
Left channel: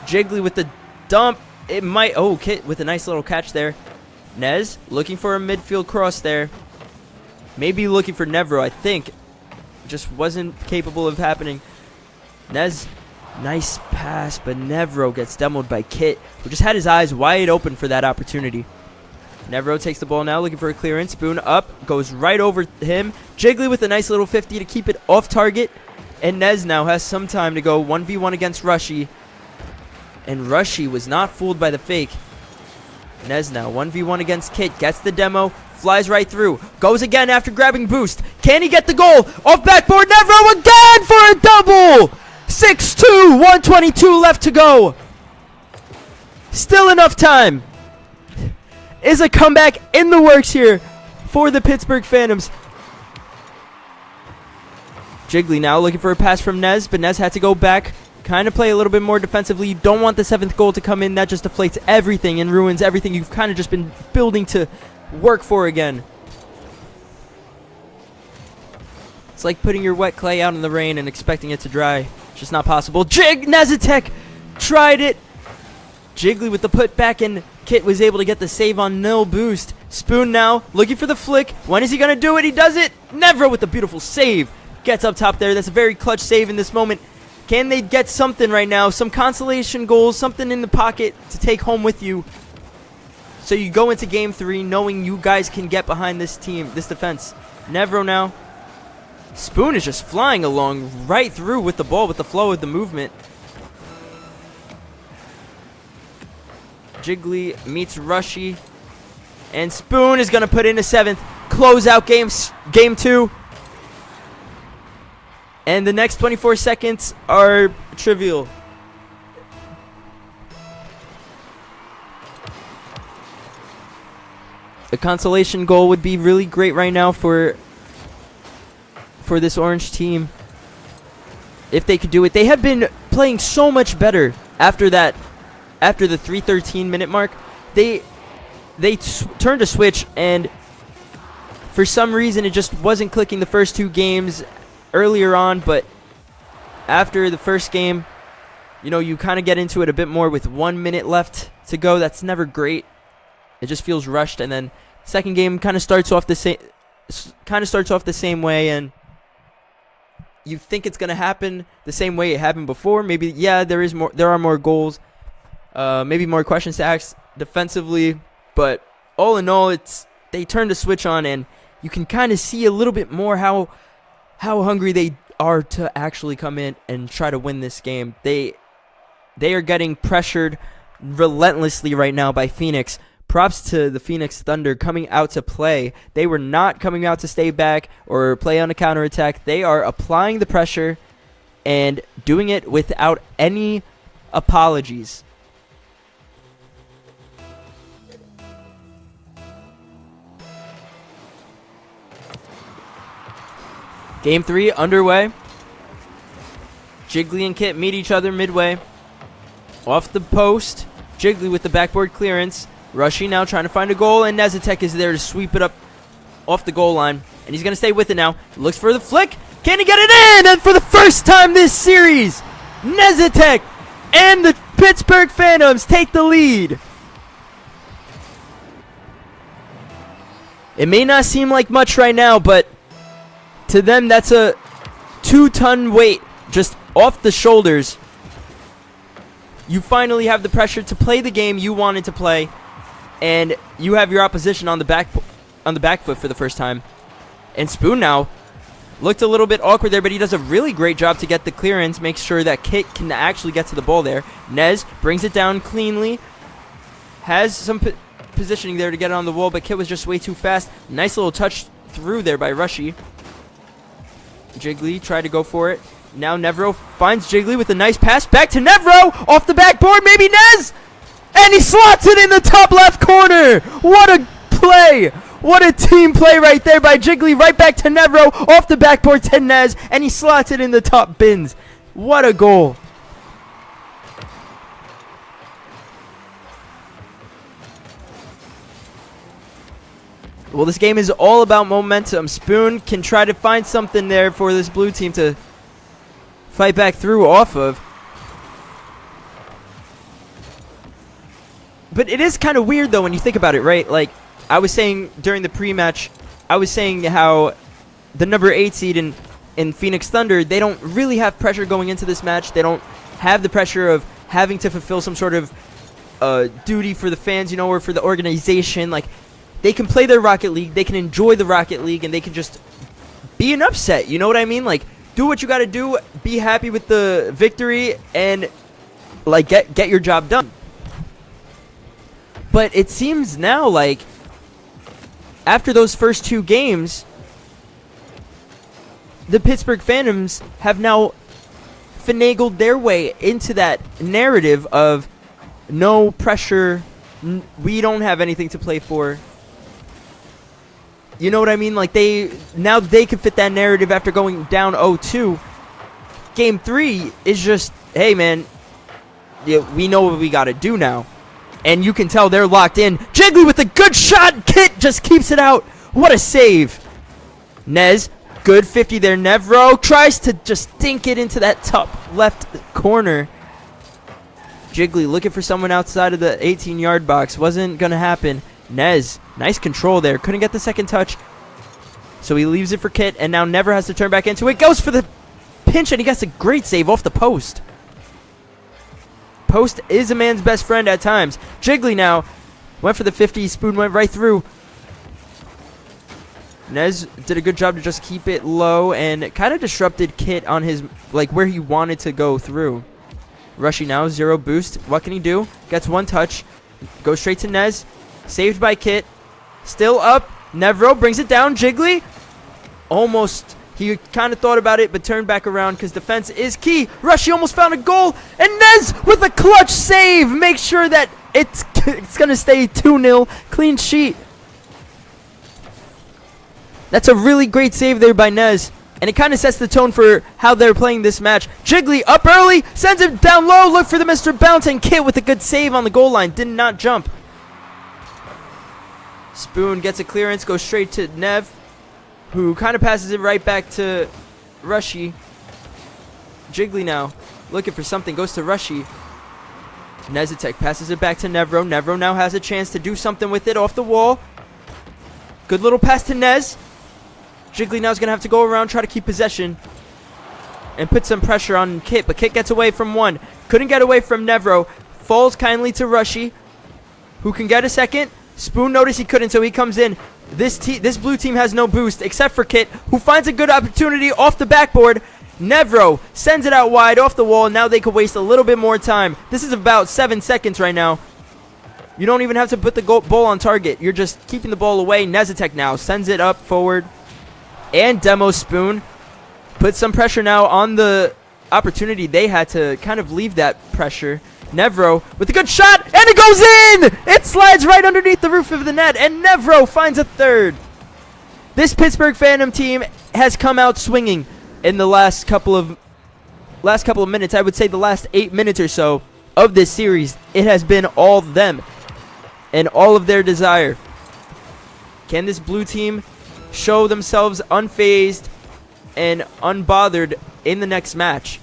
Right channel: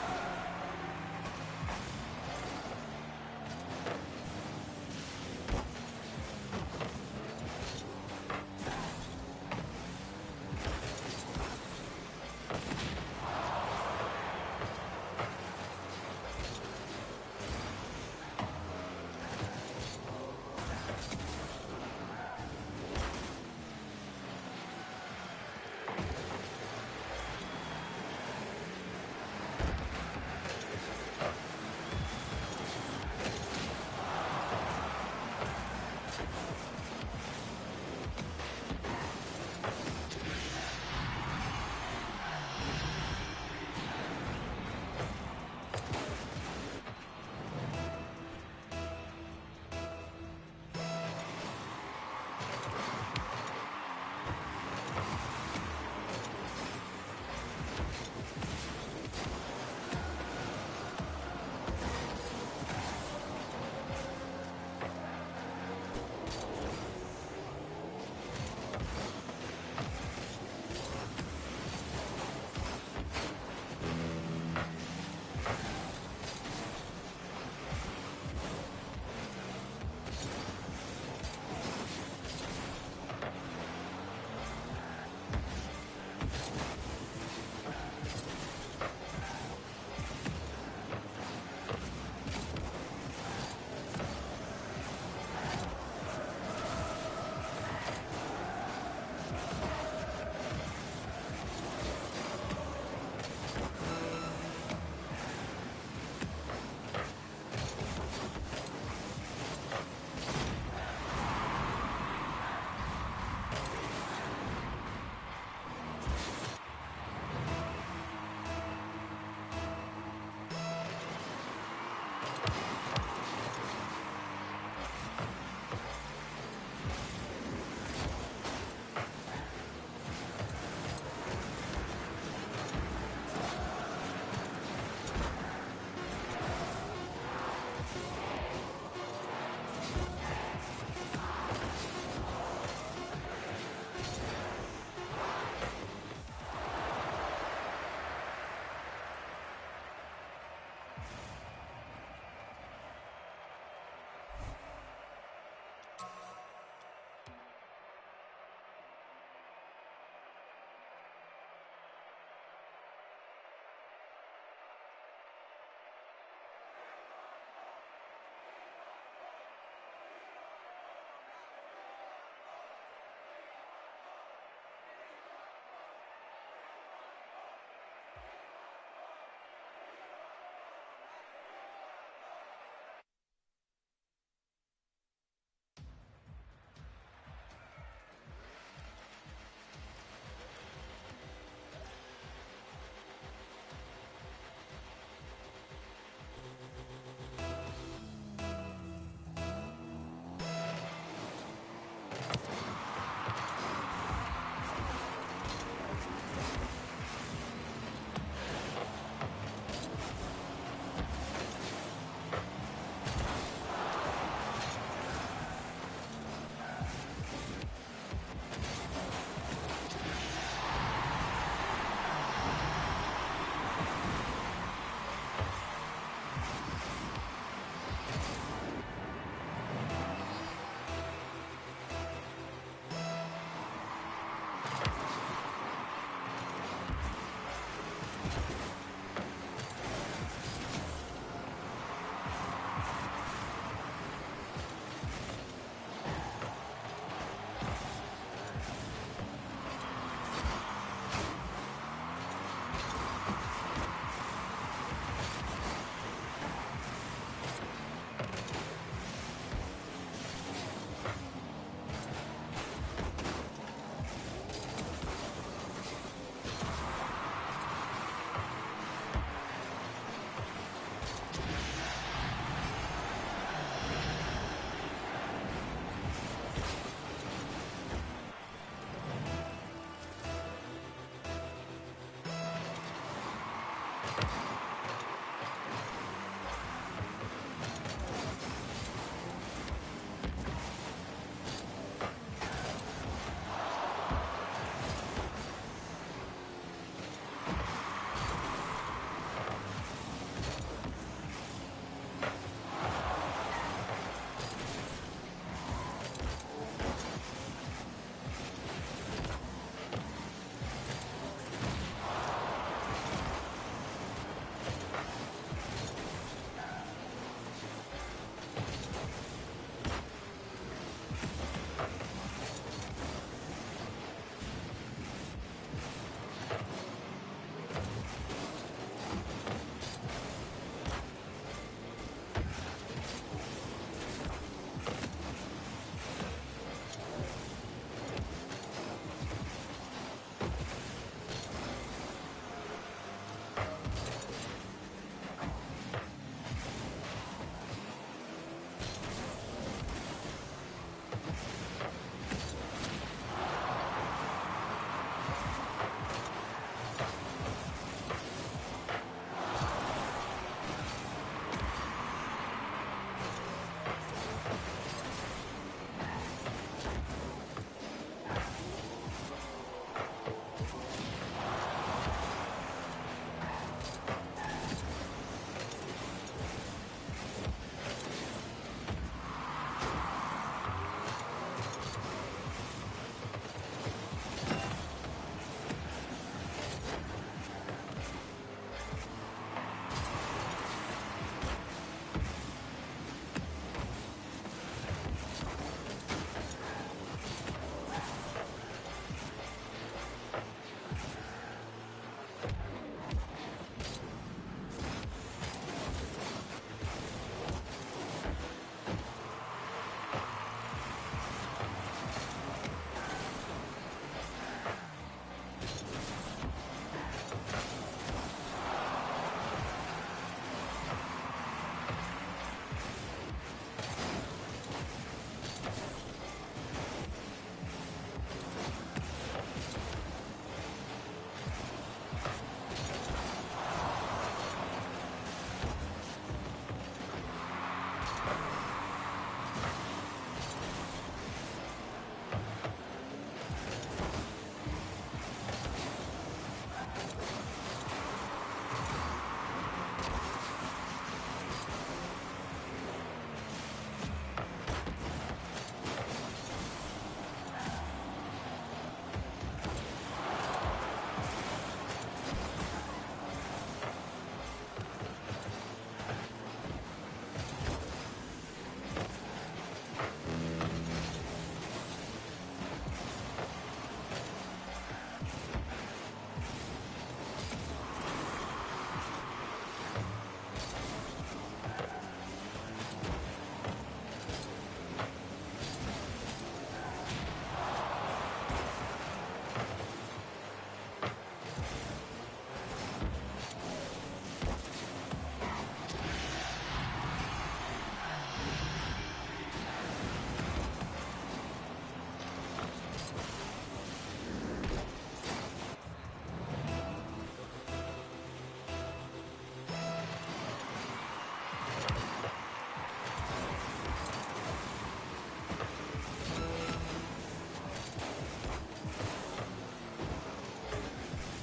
Jiggly with the dump. It might. Oh, Kit with a nice little catch there. Nez looking for a midfield cross there. Maybe looking for Nevro, I think. Just wasn't capable of happening. Nez, nice pass, but Nevro gets demoed by Kit, who just had his eyes wide open for that opportunity. Nevro takes the ball now, looking for a clearance. Spoon up, goes right over him. Jiggly with a nice little 50 to keep it off target. And Nez now has some time to go 1v1 against Rushy. And Rushy was not fooled by the fake. Nez now 1v1 against Kit, gets the demo, flies right through, goes again after grabbing boost. Can he get the goal? Off backboard, Nevro again for a double! 6-2, 122 left to go. Still enough time. Is a comeback in the works here for the Pittsburgh Phantoms. Jiggly now looking for a pass from Nez, but Nez had to go back. Kind of play a little bit more defensively. You don't want the 7th goal to come in. That just deflates everything and ruins everything you've kind of just been building to work for again. It's like putting your wet clay out in the rain and expecting it to dry. It's just not possible. Nezitek tried it. Jiggly with the put back, and Kit was able to get the save on nil boost. Spoon now looking for the flick. When is he going to do it? He does it. Nevro with the beautiful save. Gets up top there. That's a very clutch save in this moment. Can they get something right now? Some consolation goals, something in the pocket to take home with you. So you go into game 3 knowing you guys can get behind this team, this defense. Nevro now. Spoon is just flying along right through with the ball, with the flow of the movement. Jiggly meets Rushy. And Spoon is going to put in a 7th. Close out game 2. And the next 24 seconds are trivial. A consolation goal would be really great right now for this orange team. If they could do it. They have been playing so much better after that. After the 3:13 minute mark. They turned a switch, and for some reason it just wasn't clicking the first 2 games earlier on, but after the first game, you know, you kind of get into it a bit more with 1 minute left to go. That's never great. It just feels rushed, and then second game kind of starts off the same way, and you think it's going to happen the same way it happened before. Maybe, yeah, there are more goals, maybe more questions to ask defensively, but all in all, they turned the switch on, and you can kind of see a little bit more how hungry they are to actually come in and try to win this game. They are getting pressured relentlessly right now by PHEONIX. Props to the Phoenix Thunder coming out to play. They were not coming out to stay back or play on a counterattack. They are applying the pressure and doing it without any apologies. Game 3 underway. Jiggly and Kit meet each other midway. Off the post. Jiggly with the backboard clearance. Rushy now trying to find a goal, and Nezatek is there to sweep it up off the goal line. And he's going to stay with it now. Looks for the flick. Can he get it in? And for the first time this series, Nezatek and the Pittsburgh Phantoms take the lead. It may not seem like much right now, but to them, that's a 2-ton weight just off the shoulders. You finally have the pressure to play the game you wanted to play, and you have your opposition on the back foot for the first time. And Spoon now looked a little bit awkward there, but he does a really great job to get the clearance, make sure that Kit can actually get to the ball there. Nez brings it down cleanly, has some positioning there to get it on the wall, but Kit was just way too fast. Nice little touch through there by Rushy. Jiggly tried to go for it. Now Nevro finds Jiggly with a nice pass back to Nevro off the backboard, maybe Nez, and he slots it in the top left corner. What a play! What a team play right there by Jiggly, right back to Nevro off the backboard to Nez, and he slots it in the top bins. What a goal! Well, this game is all about momentum. Spoon can try to find something there for this blue team to fight back through off of. But it is kind of weird, though, when you think about it, right? Like, I was saying during the pre-match, I was saying how the number 8 seed in PHEONIX Thunder, they don't really have pressure going into this match. They don't have the pressure of having to fulfill some sort of duty for the fans, you know, or for the organization. Like, they can play their Rocket League, they can enjoy the Rocket League, and they can just be an upset, you know what I mean? Like, do what you gotta do, be happy with the victory, and, like, get your job done. But it seems now like, after those first 2 games, the Pittsburgh Phantoms have now finagled their way into that narrative of no pressure, we don't have anything to play for. You know what I mean? Like, now they can fit that narrative after going down 0-2. Game 3 is just, hey, man, yeah, we know what we got to do now. And you can tell they're locked in. Jiggly with a good shot. Kit just keeps it out. What a save. Nez, good 50 there. Nevro tries to just dink it into that top left corner. Jiggly looking for someone outside of the 18-yard box. Wasn't going to happen. Nez, nice control there. Couldn't get the second touch. So he leaves it for Kit, and now Never has to turn back into it. Goes for the pinch, and he gets a great save off the post. Post is a man's best friend at times. Jiggly now went for the 50. Spoon went right through. Nez did a good job to just keep it low and kind of disrupted Kit on his, like, where he wanted to go through. Rushy now, 0 boost. What can he do? Gets 1 touch. Goes straight to Nez. Saved by Kit. Still up. Nevro brings it down. Jiggly. Almost. He kind of thought about it, but turned back around because defense is key. Rushy almost found a goal. And Nez with a clutch save. Make sure that it's going to stay 2-0. Clean sheet. That's a really great save there by Nez. And it kind of sets the tone for how they're playing this match. Jiggly up early. Sends it down low. Look for the Mr. Bounce. And Kit with a good save on the goal line. Did not jump. Spoon gets a clearance. Goes straight to Nev, who kind of passes it right back to Rushy. Jiggly now looking for something. Goes to Rushy. Nezatek passes it back to Nevro. Nevro now has a chance to do something with it off the wall. Good little pass to Nez. Jiggly now is going to have to go around, try to keep possession, and put some pressure on Kit. But Kit gets away from one. Couldn't get away from Nevro. Falls kindly to Rushy, who can get a second. Spoon noticed he couldn't, so he comes in. This blue team has no boost, except for Kit, who finds a good opportunity off the backboard. Nevro sends it out wide off the wall. Now they could waste a little bit more time. This is about 7 seconds right now. You don't even have to put the ball on target. You're just keeping the ball away. Nezatek now sends it up forward. And Demo Spoon put some pressure now on the opportunity. They had to kind of leave that pressure. Nevro with a good shot, and it goes in! It slides right underneath the roof of the net, and Nevro finds a third. This Pittsburgh Phantom team has come out swinging in the last couple of minutes. I would say the last 8 minutes or so of this series. It has been all them and all of their desire. Can this blue team show themselves unfazed and unbothered in the next match?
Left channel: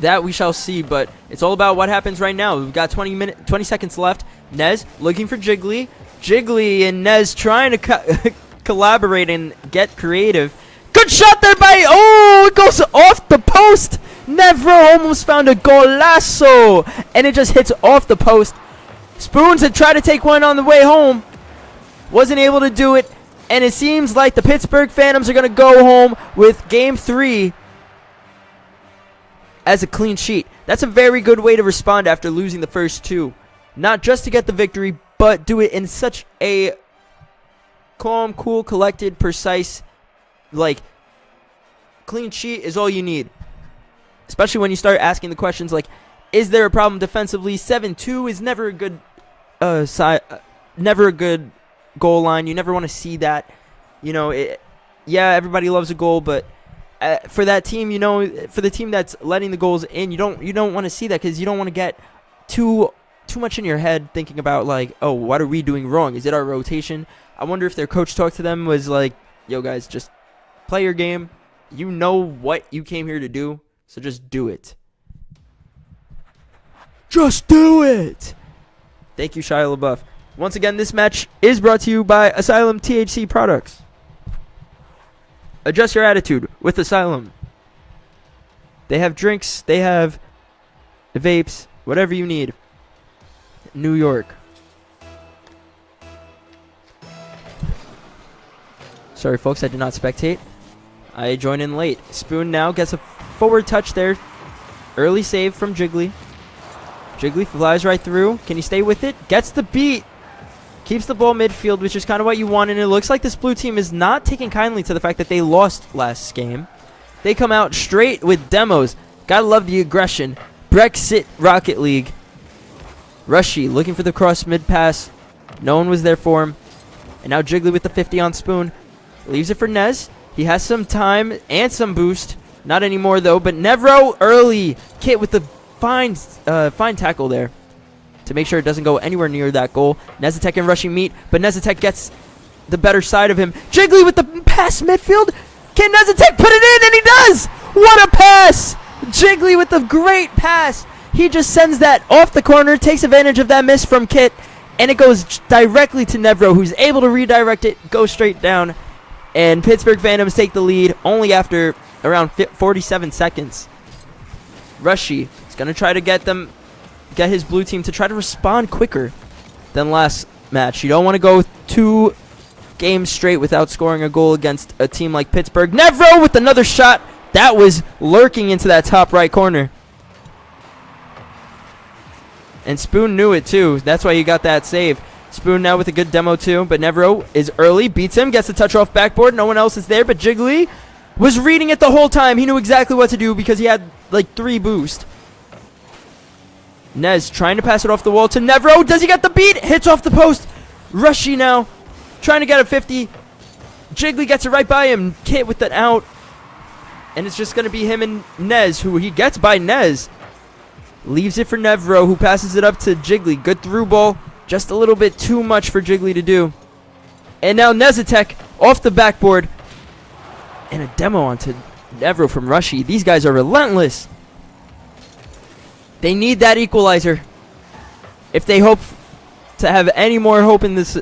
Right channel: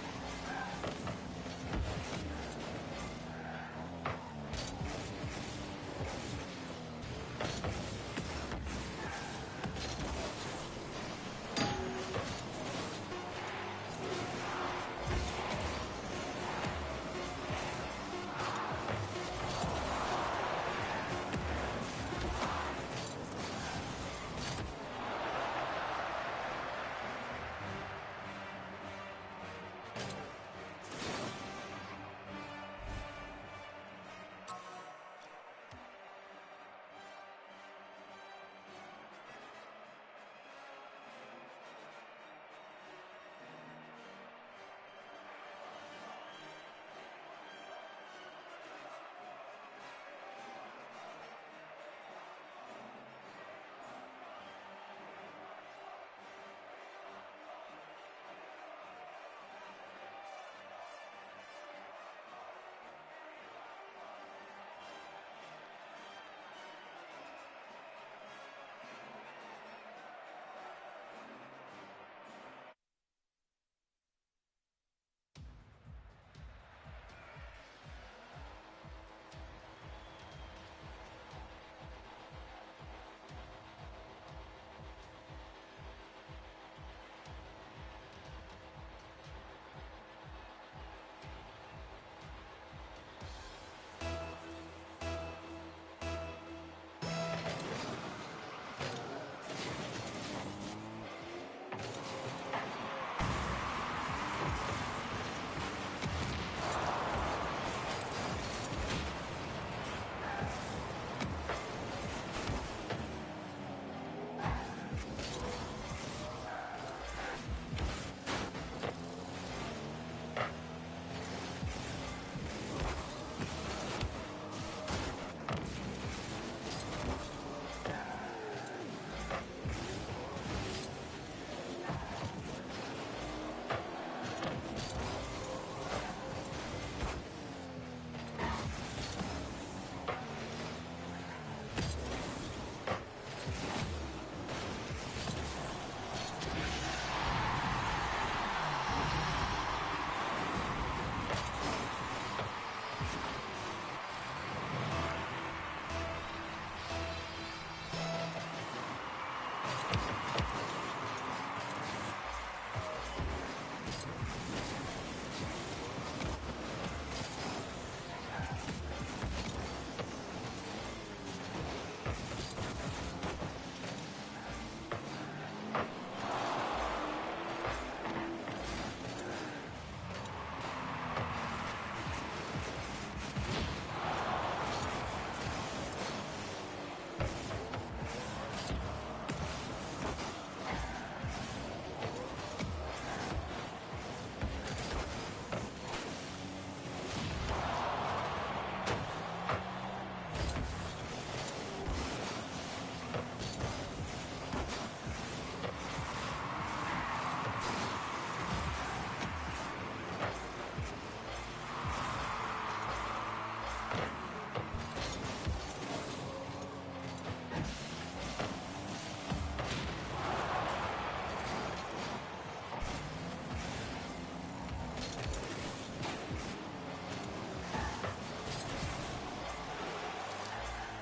That we shall see, but it's all about what happens right now. We've got 20 seconds left. Nez looking for Jiggly. Jiggly and Nez trying to collaborate and get creative. Good shot there by, oh, it goes off the post. Nevro almost found a golazo, and it just hits off the post. Spoons had tried to take one on the way home. Wasn't able to do it, and it seems like the Pittsburgh Phantoms are going to go home with Game 3 as a clean sheet. That's a very good way to respond after losing the first two. Not just to get the victory, but do it in such a calm, cool, collected, precise, like, clean sheet is all you need. Especially when you start asking the questions like, is there a problem defensively? 7-2 is never a good never a good goal line. You never want to see that. You know, yeah, everybody loves a goal, but for that team, you know, for the team that's letting the goals in, you don't want to see that, because you don't want to get too much in your head thinking about like, oh, what are we doing wrong? Is it our rotation? I wonder if their coach talk to them was like, yo guys, just play your game. You know what you came here to do, so just do it. Just do it. Thank you, Shia LaBeouf. Once again, this match is brought to you by Asylum THC Products. Adjust your attitude with Asylum. They have drinks, they have the vapes, whatever you need. New York. Sorry, folks, I did not spectate. I joined in late. Spoon now gets a forward touch there. Early save from Jiggly. Jiggly flies right through. Can he stay with it? Gets the beat. Keeps the ball midfield, which is kind of what you want, and it looks like this blue team is not taking kindly to the fact that they lost last game. They come out straight with demos. Gotta love the aggression. Brexit Rocket League. Rushy looking for the cross mid pass. No one was there for him. And now Jiggly with the 50 on Spoon. Leaves it for Nez. He has some time and some boost. Not anymore though, but Nevro early. Kit with the fine tackle there to make sure it doesn't go anywhere near that goal. Nezatek and Rushy meet, but Nezatek gets the better side of him. Jiggly with the pass midfield. Can Nezatek put it in? And he does! What a pass! Jiggly with the great pass. He just sends that off the corner, takes advantage of that miss from Kit, and it goes directly to Nevro, who's able to redirect it, go straight down, and Pittsburgh Phantoms take the lead only after around 47 seconds. Rushy is going to try to get his blue team to try to respond quicker than last match. You don't want to go 2 games straight without scoring a goal against a team like Pittsburgh. Nevro with another shot that was lurking into that top right corner. And Spoon knew it too. That's why he got that save. Spoon now with a good demo too, but Nevro is early, beats him, gets the touch off backboard. No one else is there, but Jiggly was reading it the whole time. He knew exactly what to do because he had like 3 boost. Nez trying to pass it off the wall to Nevro. Does he get the beat? Hits off the post. Rushy now trying to get a 50. Jiggly gets it right by him. Kit with an out. And it's just going to be him and Nez, who he gets by Nez. Leaves it for Nevro, who passes it up to Jiggly. Good through ball. Just a little bit too much for Jiggly to do. And now Nezatek off the backboard. And a demo onto Nevro from Rushy. These guys are relentless. They need that equalizer if they hope to have any more hope in this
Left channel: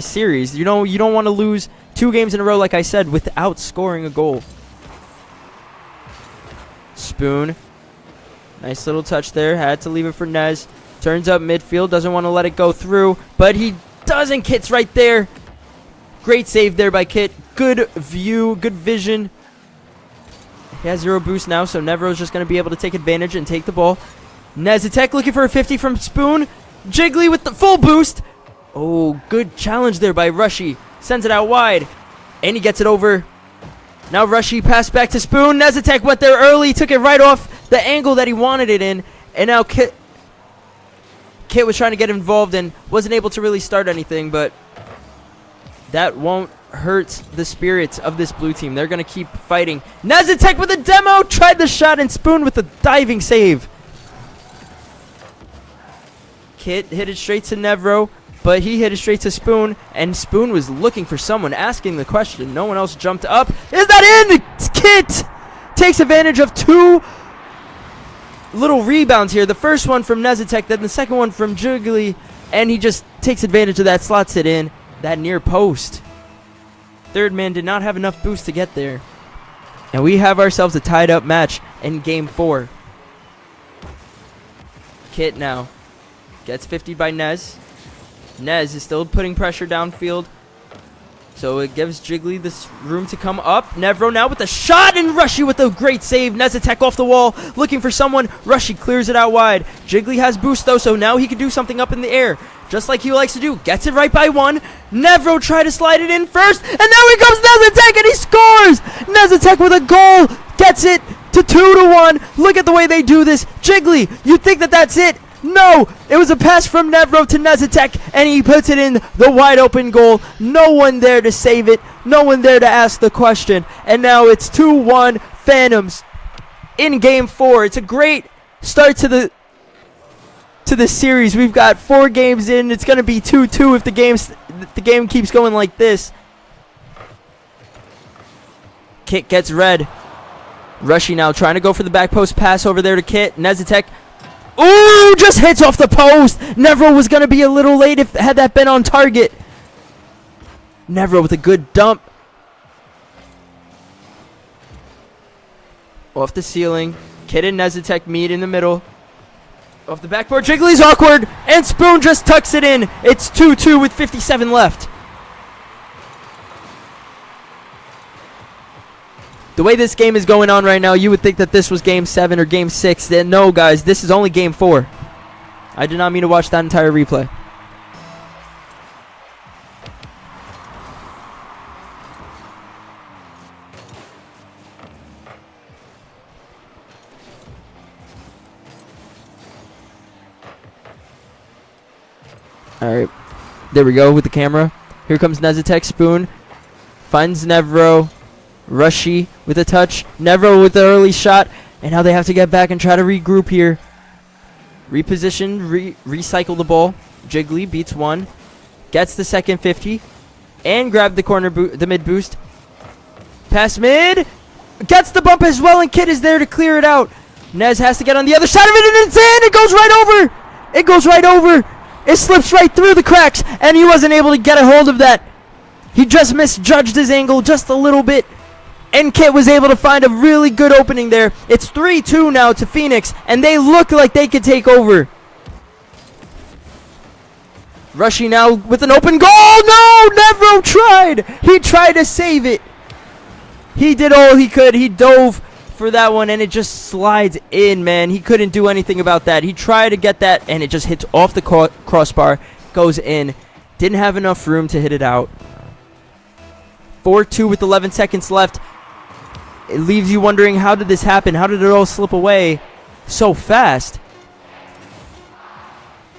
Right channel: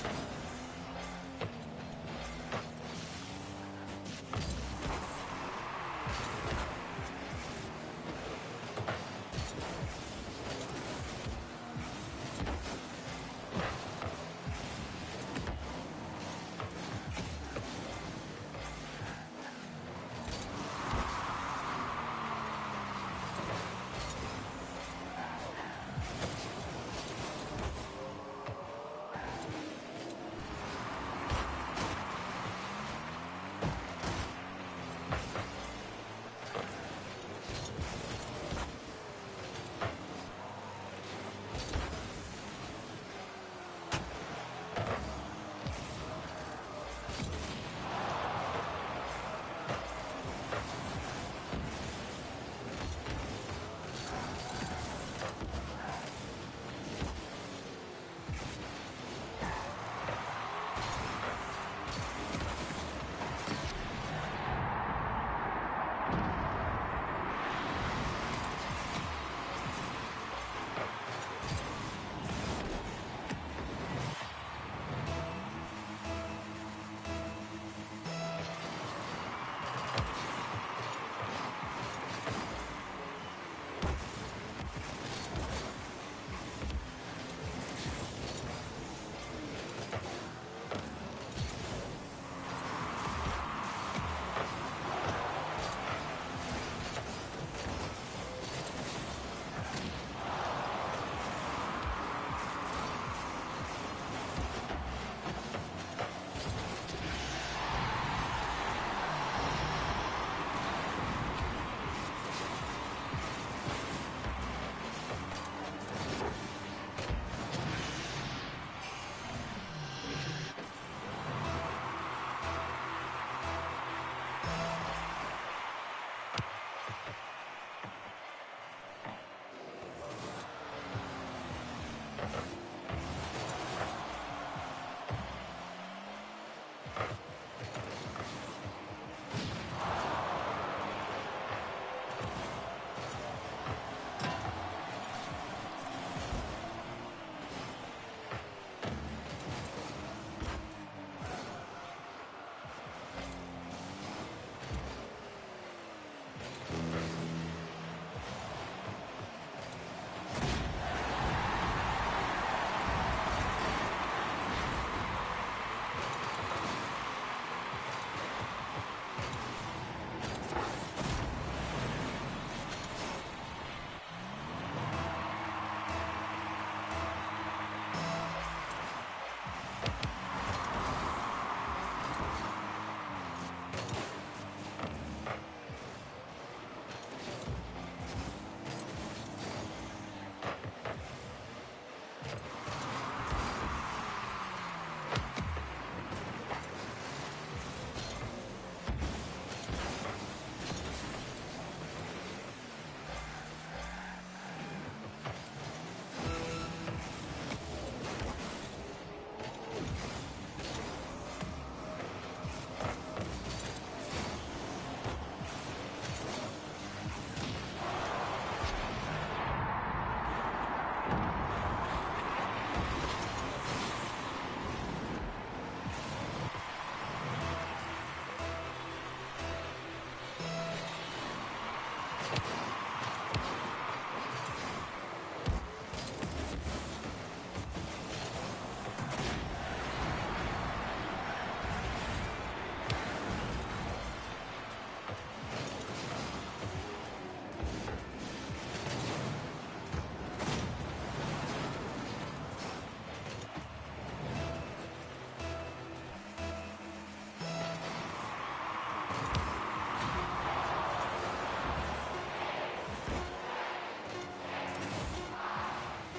series. You know, you don't want to lose 2 games in a row, like I said, without scoring a goal. Spoon. Nice little touch there. Had to leave it for Nez. Turns up midfield. Doesn't want to let it go through. But he doesn't. Kit's right there. Great save there by Kit. Good view. Good vision. He has 0 boost now, so Nevro's just going to be able to take advantage and take the ball. Nezatek looking for a 50 from Spoon. Jiggly with the full boost. Oh, good challenge there by Rushy. Sends it out wide. And he gets it over. Now Rushy passed back to Spoon. Nezatek went there early. Took it right off the angle that he wanted it in. And now Kit was trying to get involved and wasn't able to really start anything. But that won't hurt the spirits of this blue team. They're going to keep fighting. Nezatek with a demo. Tried the shot, and Spoon with a diving save. Kit hit it straight to Nevro, but he hit it straight to Spoon, and Spoon was looking for someone, asking the question. No one else jumped up. Is that in? Kit takes advantage of two little rebounds here. The first one from Nezatek, then the second one from Jiggly, and he just takes advantage of that, slots it in, that near post. Third man did not have enough boost to get there. And we have ourselves a tied up match in game 4. Kit now gets 50 by Nez. Nez is still putting pressure downfield, so it gives Jiggly this room to come up. Nevro now with the shot, and Rushy with a great save. Nezatek off the wall, looking for someone. Rushy clears it out wide. Jiggly has boost though, so now he can do something up in the air, just like he likes to do. Gets it right by one. Nevro tried to slide it in first, and now here comes Nezatek, and he scores! Nezatek with a goal, gets it to 2-1. Look at the way they do this. Jiggly, you think that that's it? No, it was a pass from Nevro to Nezatek, and he puts it in the wide open goal. No one there to save it. No one there to ask the question. And now it's 2-1 Phantoms in game 4. It's a great start to the series. We've got 4 games in. It's going to be 2-2 if the game keeps going like this. Kit gets red. Rushy now trying to go for the back post pass over there to Kit. Nezatek. Ooh, just hits off the post. Nevro was going to be a little late had that been on target. Nevro with a good dump. Off the ceiling. Kit and Nezatek meet in the middle. Off the backboard, Jiggly's awkward, and Spoon just tucks it in. It's 2-2 with 57 left. The way this game is going on right now, you would think that this was game 7 or game 6. No, guys, this is only game 4. I did not mean to watch that entire replay. All right, there we go with the camera. Here comes Nezatek. Spoon finds Nevro. Rushy with a touch. Nevro with the early shot. And now they have to get back and try to regroup here. Reposition, recycle the ball. Jiggly beats one. Gets the second 50. And grab the the mid boost. Pass mid. Gets the bump as well, and Kit is there to clear it out. Nez has to get on the other side of it, and it's in. It goes right over. It goes right over. It slips right through the cracks, and he wasn't able to get a hold of that. He just misjudged his angle just a little bit. And Kit was able to find a really good opening there. It's 3-2 now to PHEONIX, and they look like they could take over. Rushy now with an open goal. No, Nevro tried. He tried to save it. He did all he could. He dove for that one, and it just slides in, man. He couldn't do anything about that. He tried to get that, and it just hits off the crossbar, goes in. Didn't have enough room to hit it out. 4-2 with 11 seconds left. It leaves you wondering, how did this happen? How did it all slip away so fast?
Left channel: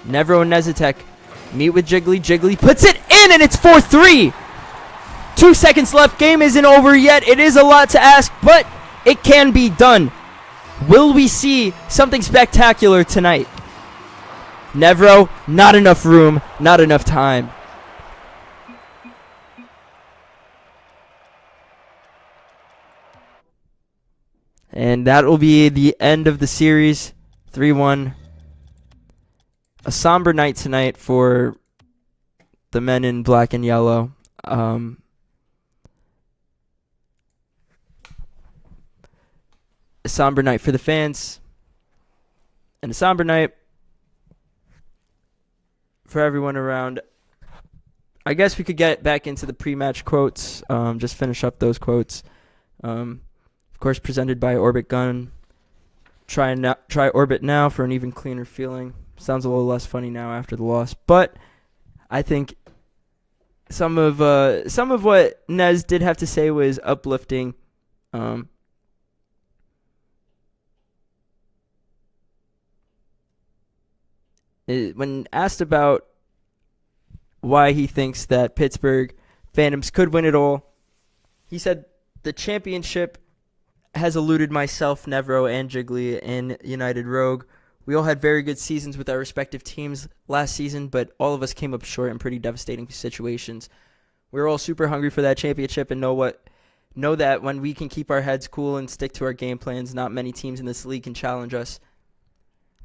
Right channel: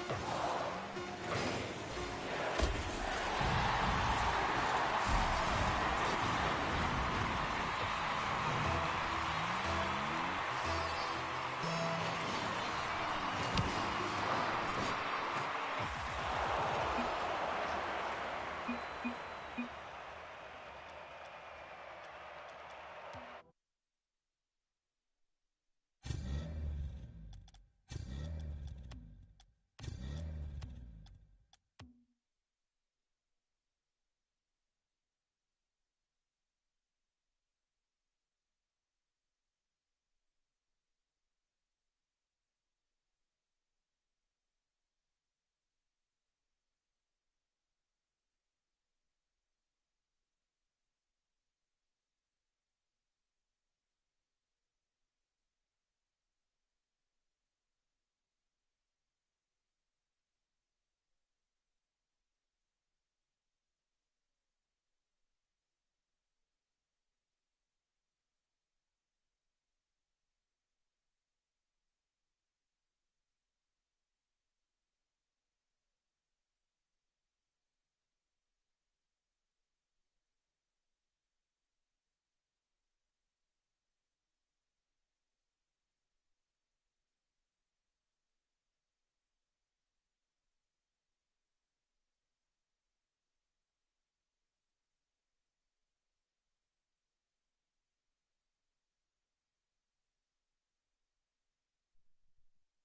Nevro and Nezatek meet with Jiggly. Jiggly puts it in, and it's 4-3. 2 seconds left. Game isn't over yet. It is a lot to ask, but it can be done. Will we see something spectacular tonight? Nevro, not enough room, not enough time. And that will be the end of the series. 3-1. A somber night tonight for the men in black and yellow. A somber night for the fans. And a somber night for everyone around. I guess we could get back into the pre-match quotes. Just finish up those quotes. Of course, presented by Orbit Gun. Try Orbit now for an even cleaner feeling. Sounds a little less funny now after the loss, but I think some of what Nez did have to say was uplifting. When asked about why he thinks that Pittsburgh Phantoms could win it all. He said the championship has eluded myself, Nevro, and Jiggly in United Rogue. We all had very good seasons with our respective teams last season, but all of us came up short in pretty devastating situations. We were all super hungry for that championship and know that when we can keep our heads cool and stick to our game plans, not many teams in this league can challenge us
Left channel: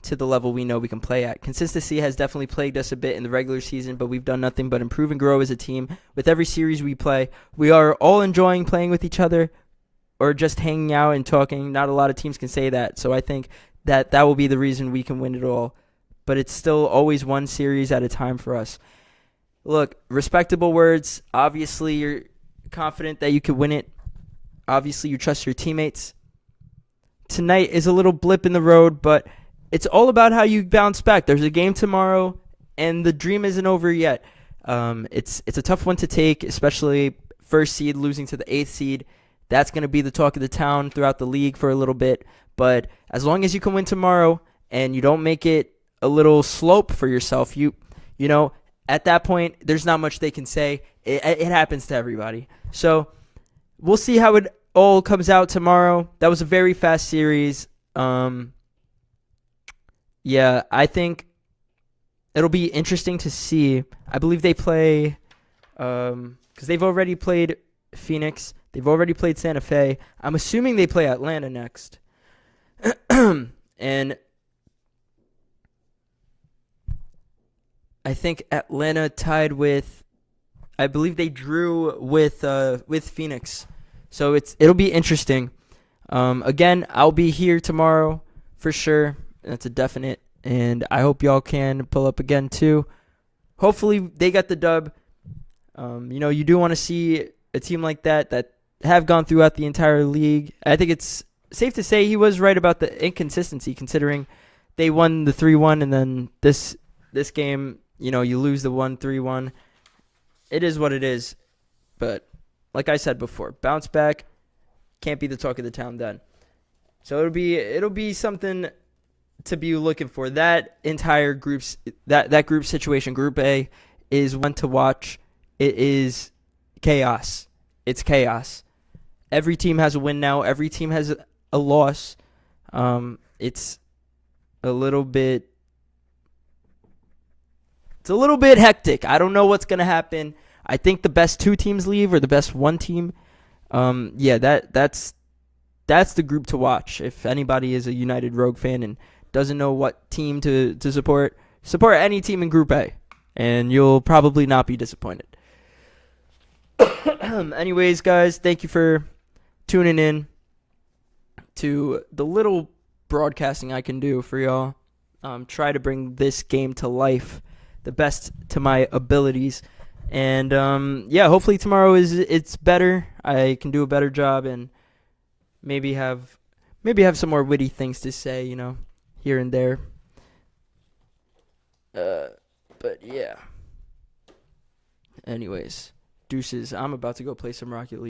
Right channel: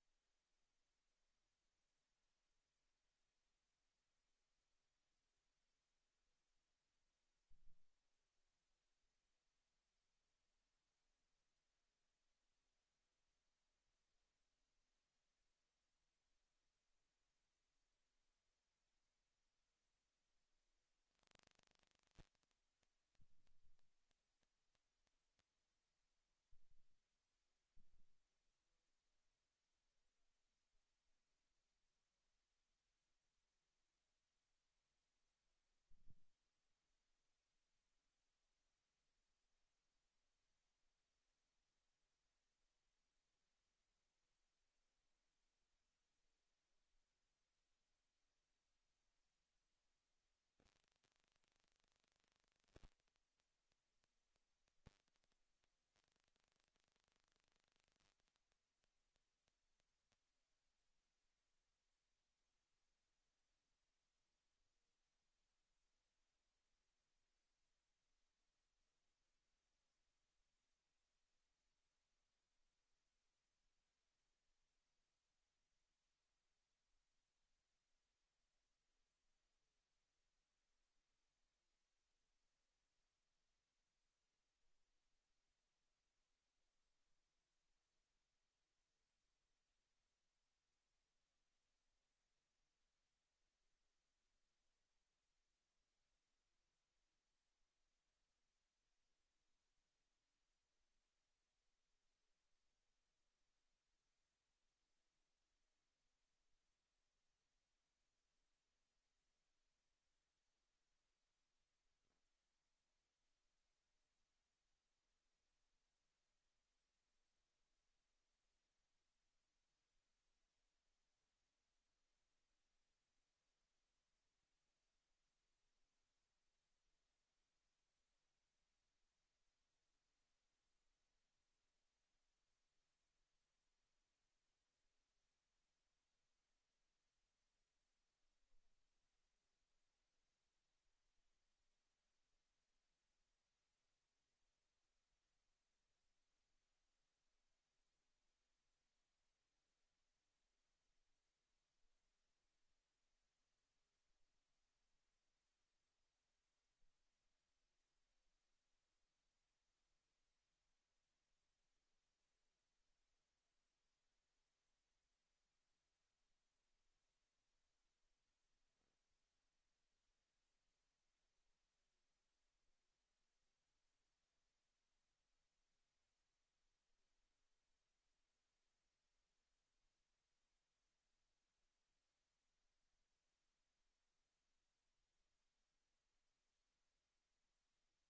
to the level we know we can play at. Consistency has definitely plagued us a bit in the regular season, but we've done nothing but improve and grow as a team. With every series we play, we are all enjoying playing with each other or just hanging out and talking. Not a lot of teams can say that, so I think that will be the reason we can win it all. But it's still always one series at a time for us. Look, respectable words. Obviously, you're confident that you could win it. Obviously, you trust your teammates. Tonight is a little blip in the road, but it's all about how you bounce back. There's a game tomorrow, and the dream isn't over yet. It's a tough one to take, especially first seed losing to the 8th seed. That's going to be the talk of the town throughout the league for a little bit. But as long as you can win tomorrow and you don't make it a little slope for yourself, you know, at that point, there's not much they can say. It happens to everybody. So we'll see how it all comes out tomorrow. That was a very fast series. Yeah, I think it'll be interesting to see. I believe they play, because they've already played Phoenix. They've already played Santa Fe. I'm assuming they play Atlanta next. And I think Atlanta tied with, I believe they drew with Phoenix. So it'll be interesting. Again, I'll be here tomorrow for sure. That's a definite. And I hope y'all can pull up again too. Hopefully they got the dub. You do want to see a team like that have gone throughout the entire league. I think it's safe to say he was right about the inconsistency, considering they won the 3-1 and then this game, you lose the 1-3-1. It is what it is. But like I said before, bounce back, can't be the talk of the town then. So it'll be something to be looking for. That entire that group situation, Group A, is one to watch. It is chaos. It's chaos. Every team has a win now. Every team has a loss. It's a little bit hectic. I don't know what's gonna happen. I think the best 2 teams leave or the best 1 team. That's the group to watch. If anybody is a United Rogue fan and doesn't know what team to support any team in Group A, and you'll probably not be disappointed. Anyways, guys, thank you for tuning in to the little broadcasting I can do for y'all. Try to bring this game to life the best to my abilities. And hopefully tomorrow it's better. I can do a better job and maybe have some more witty things to say, here and there. But yeah. Anyways, deuces. I'm about to go play some Rocket League.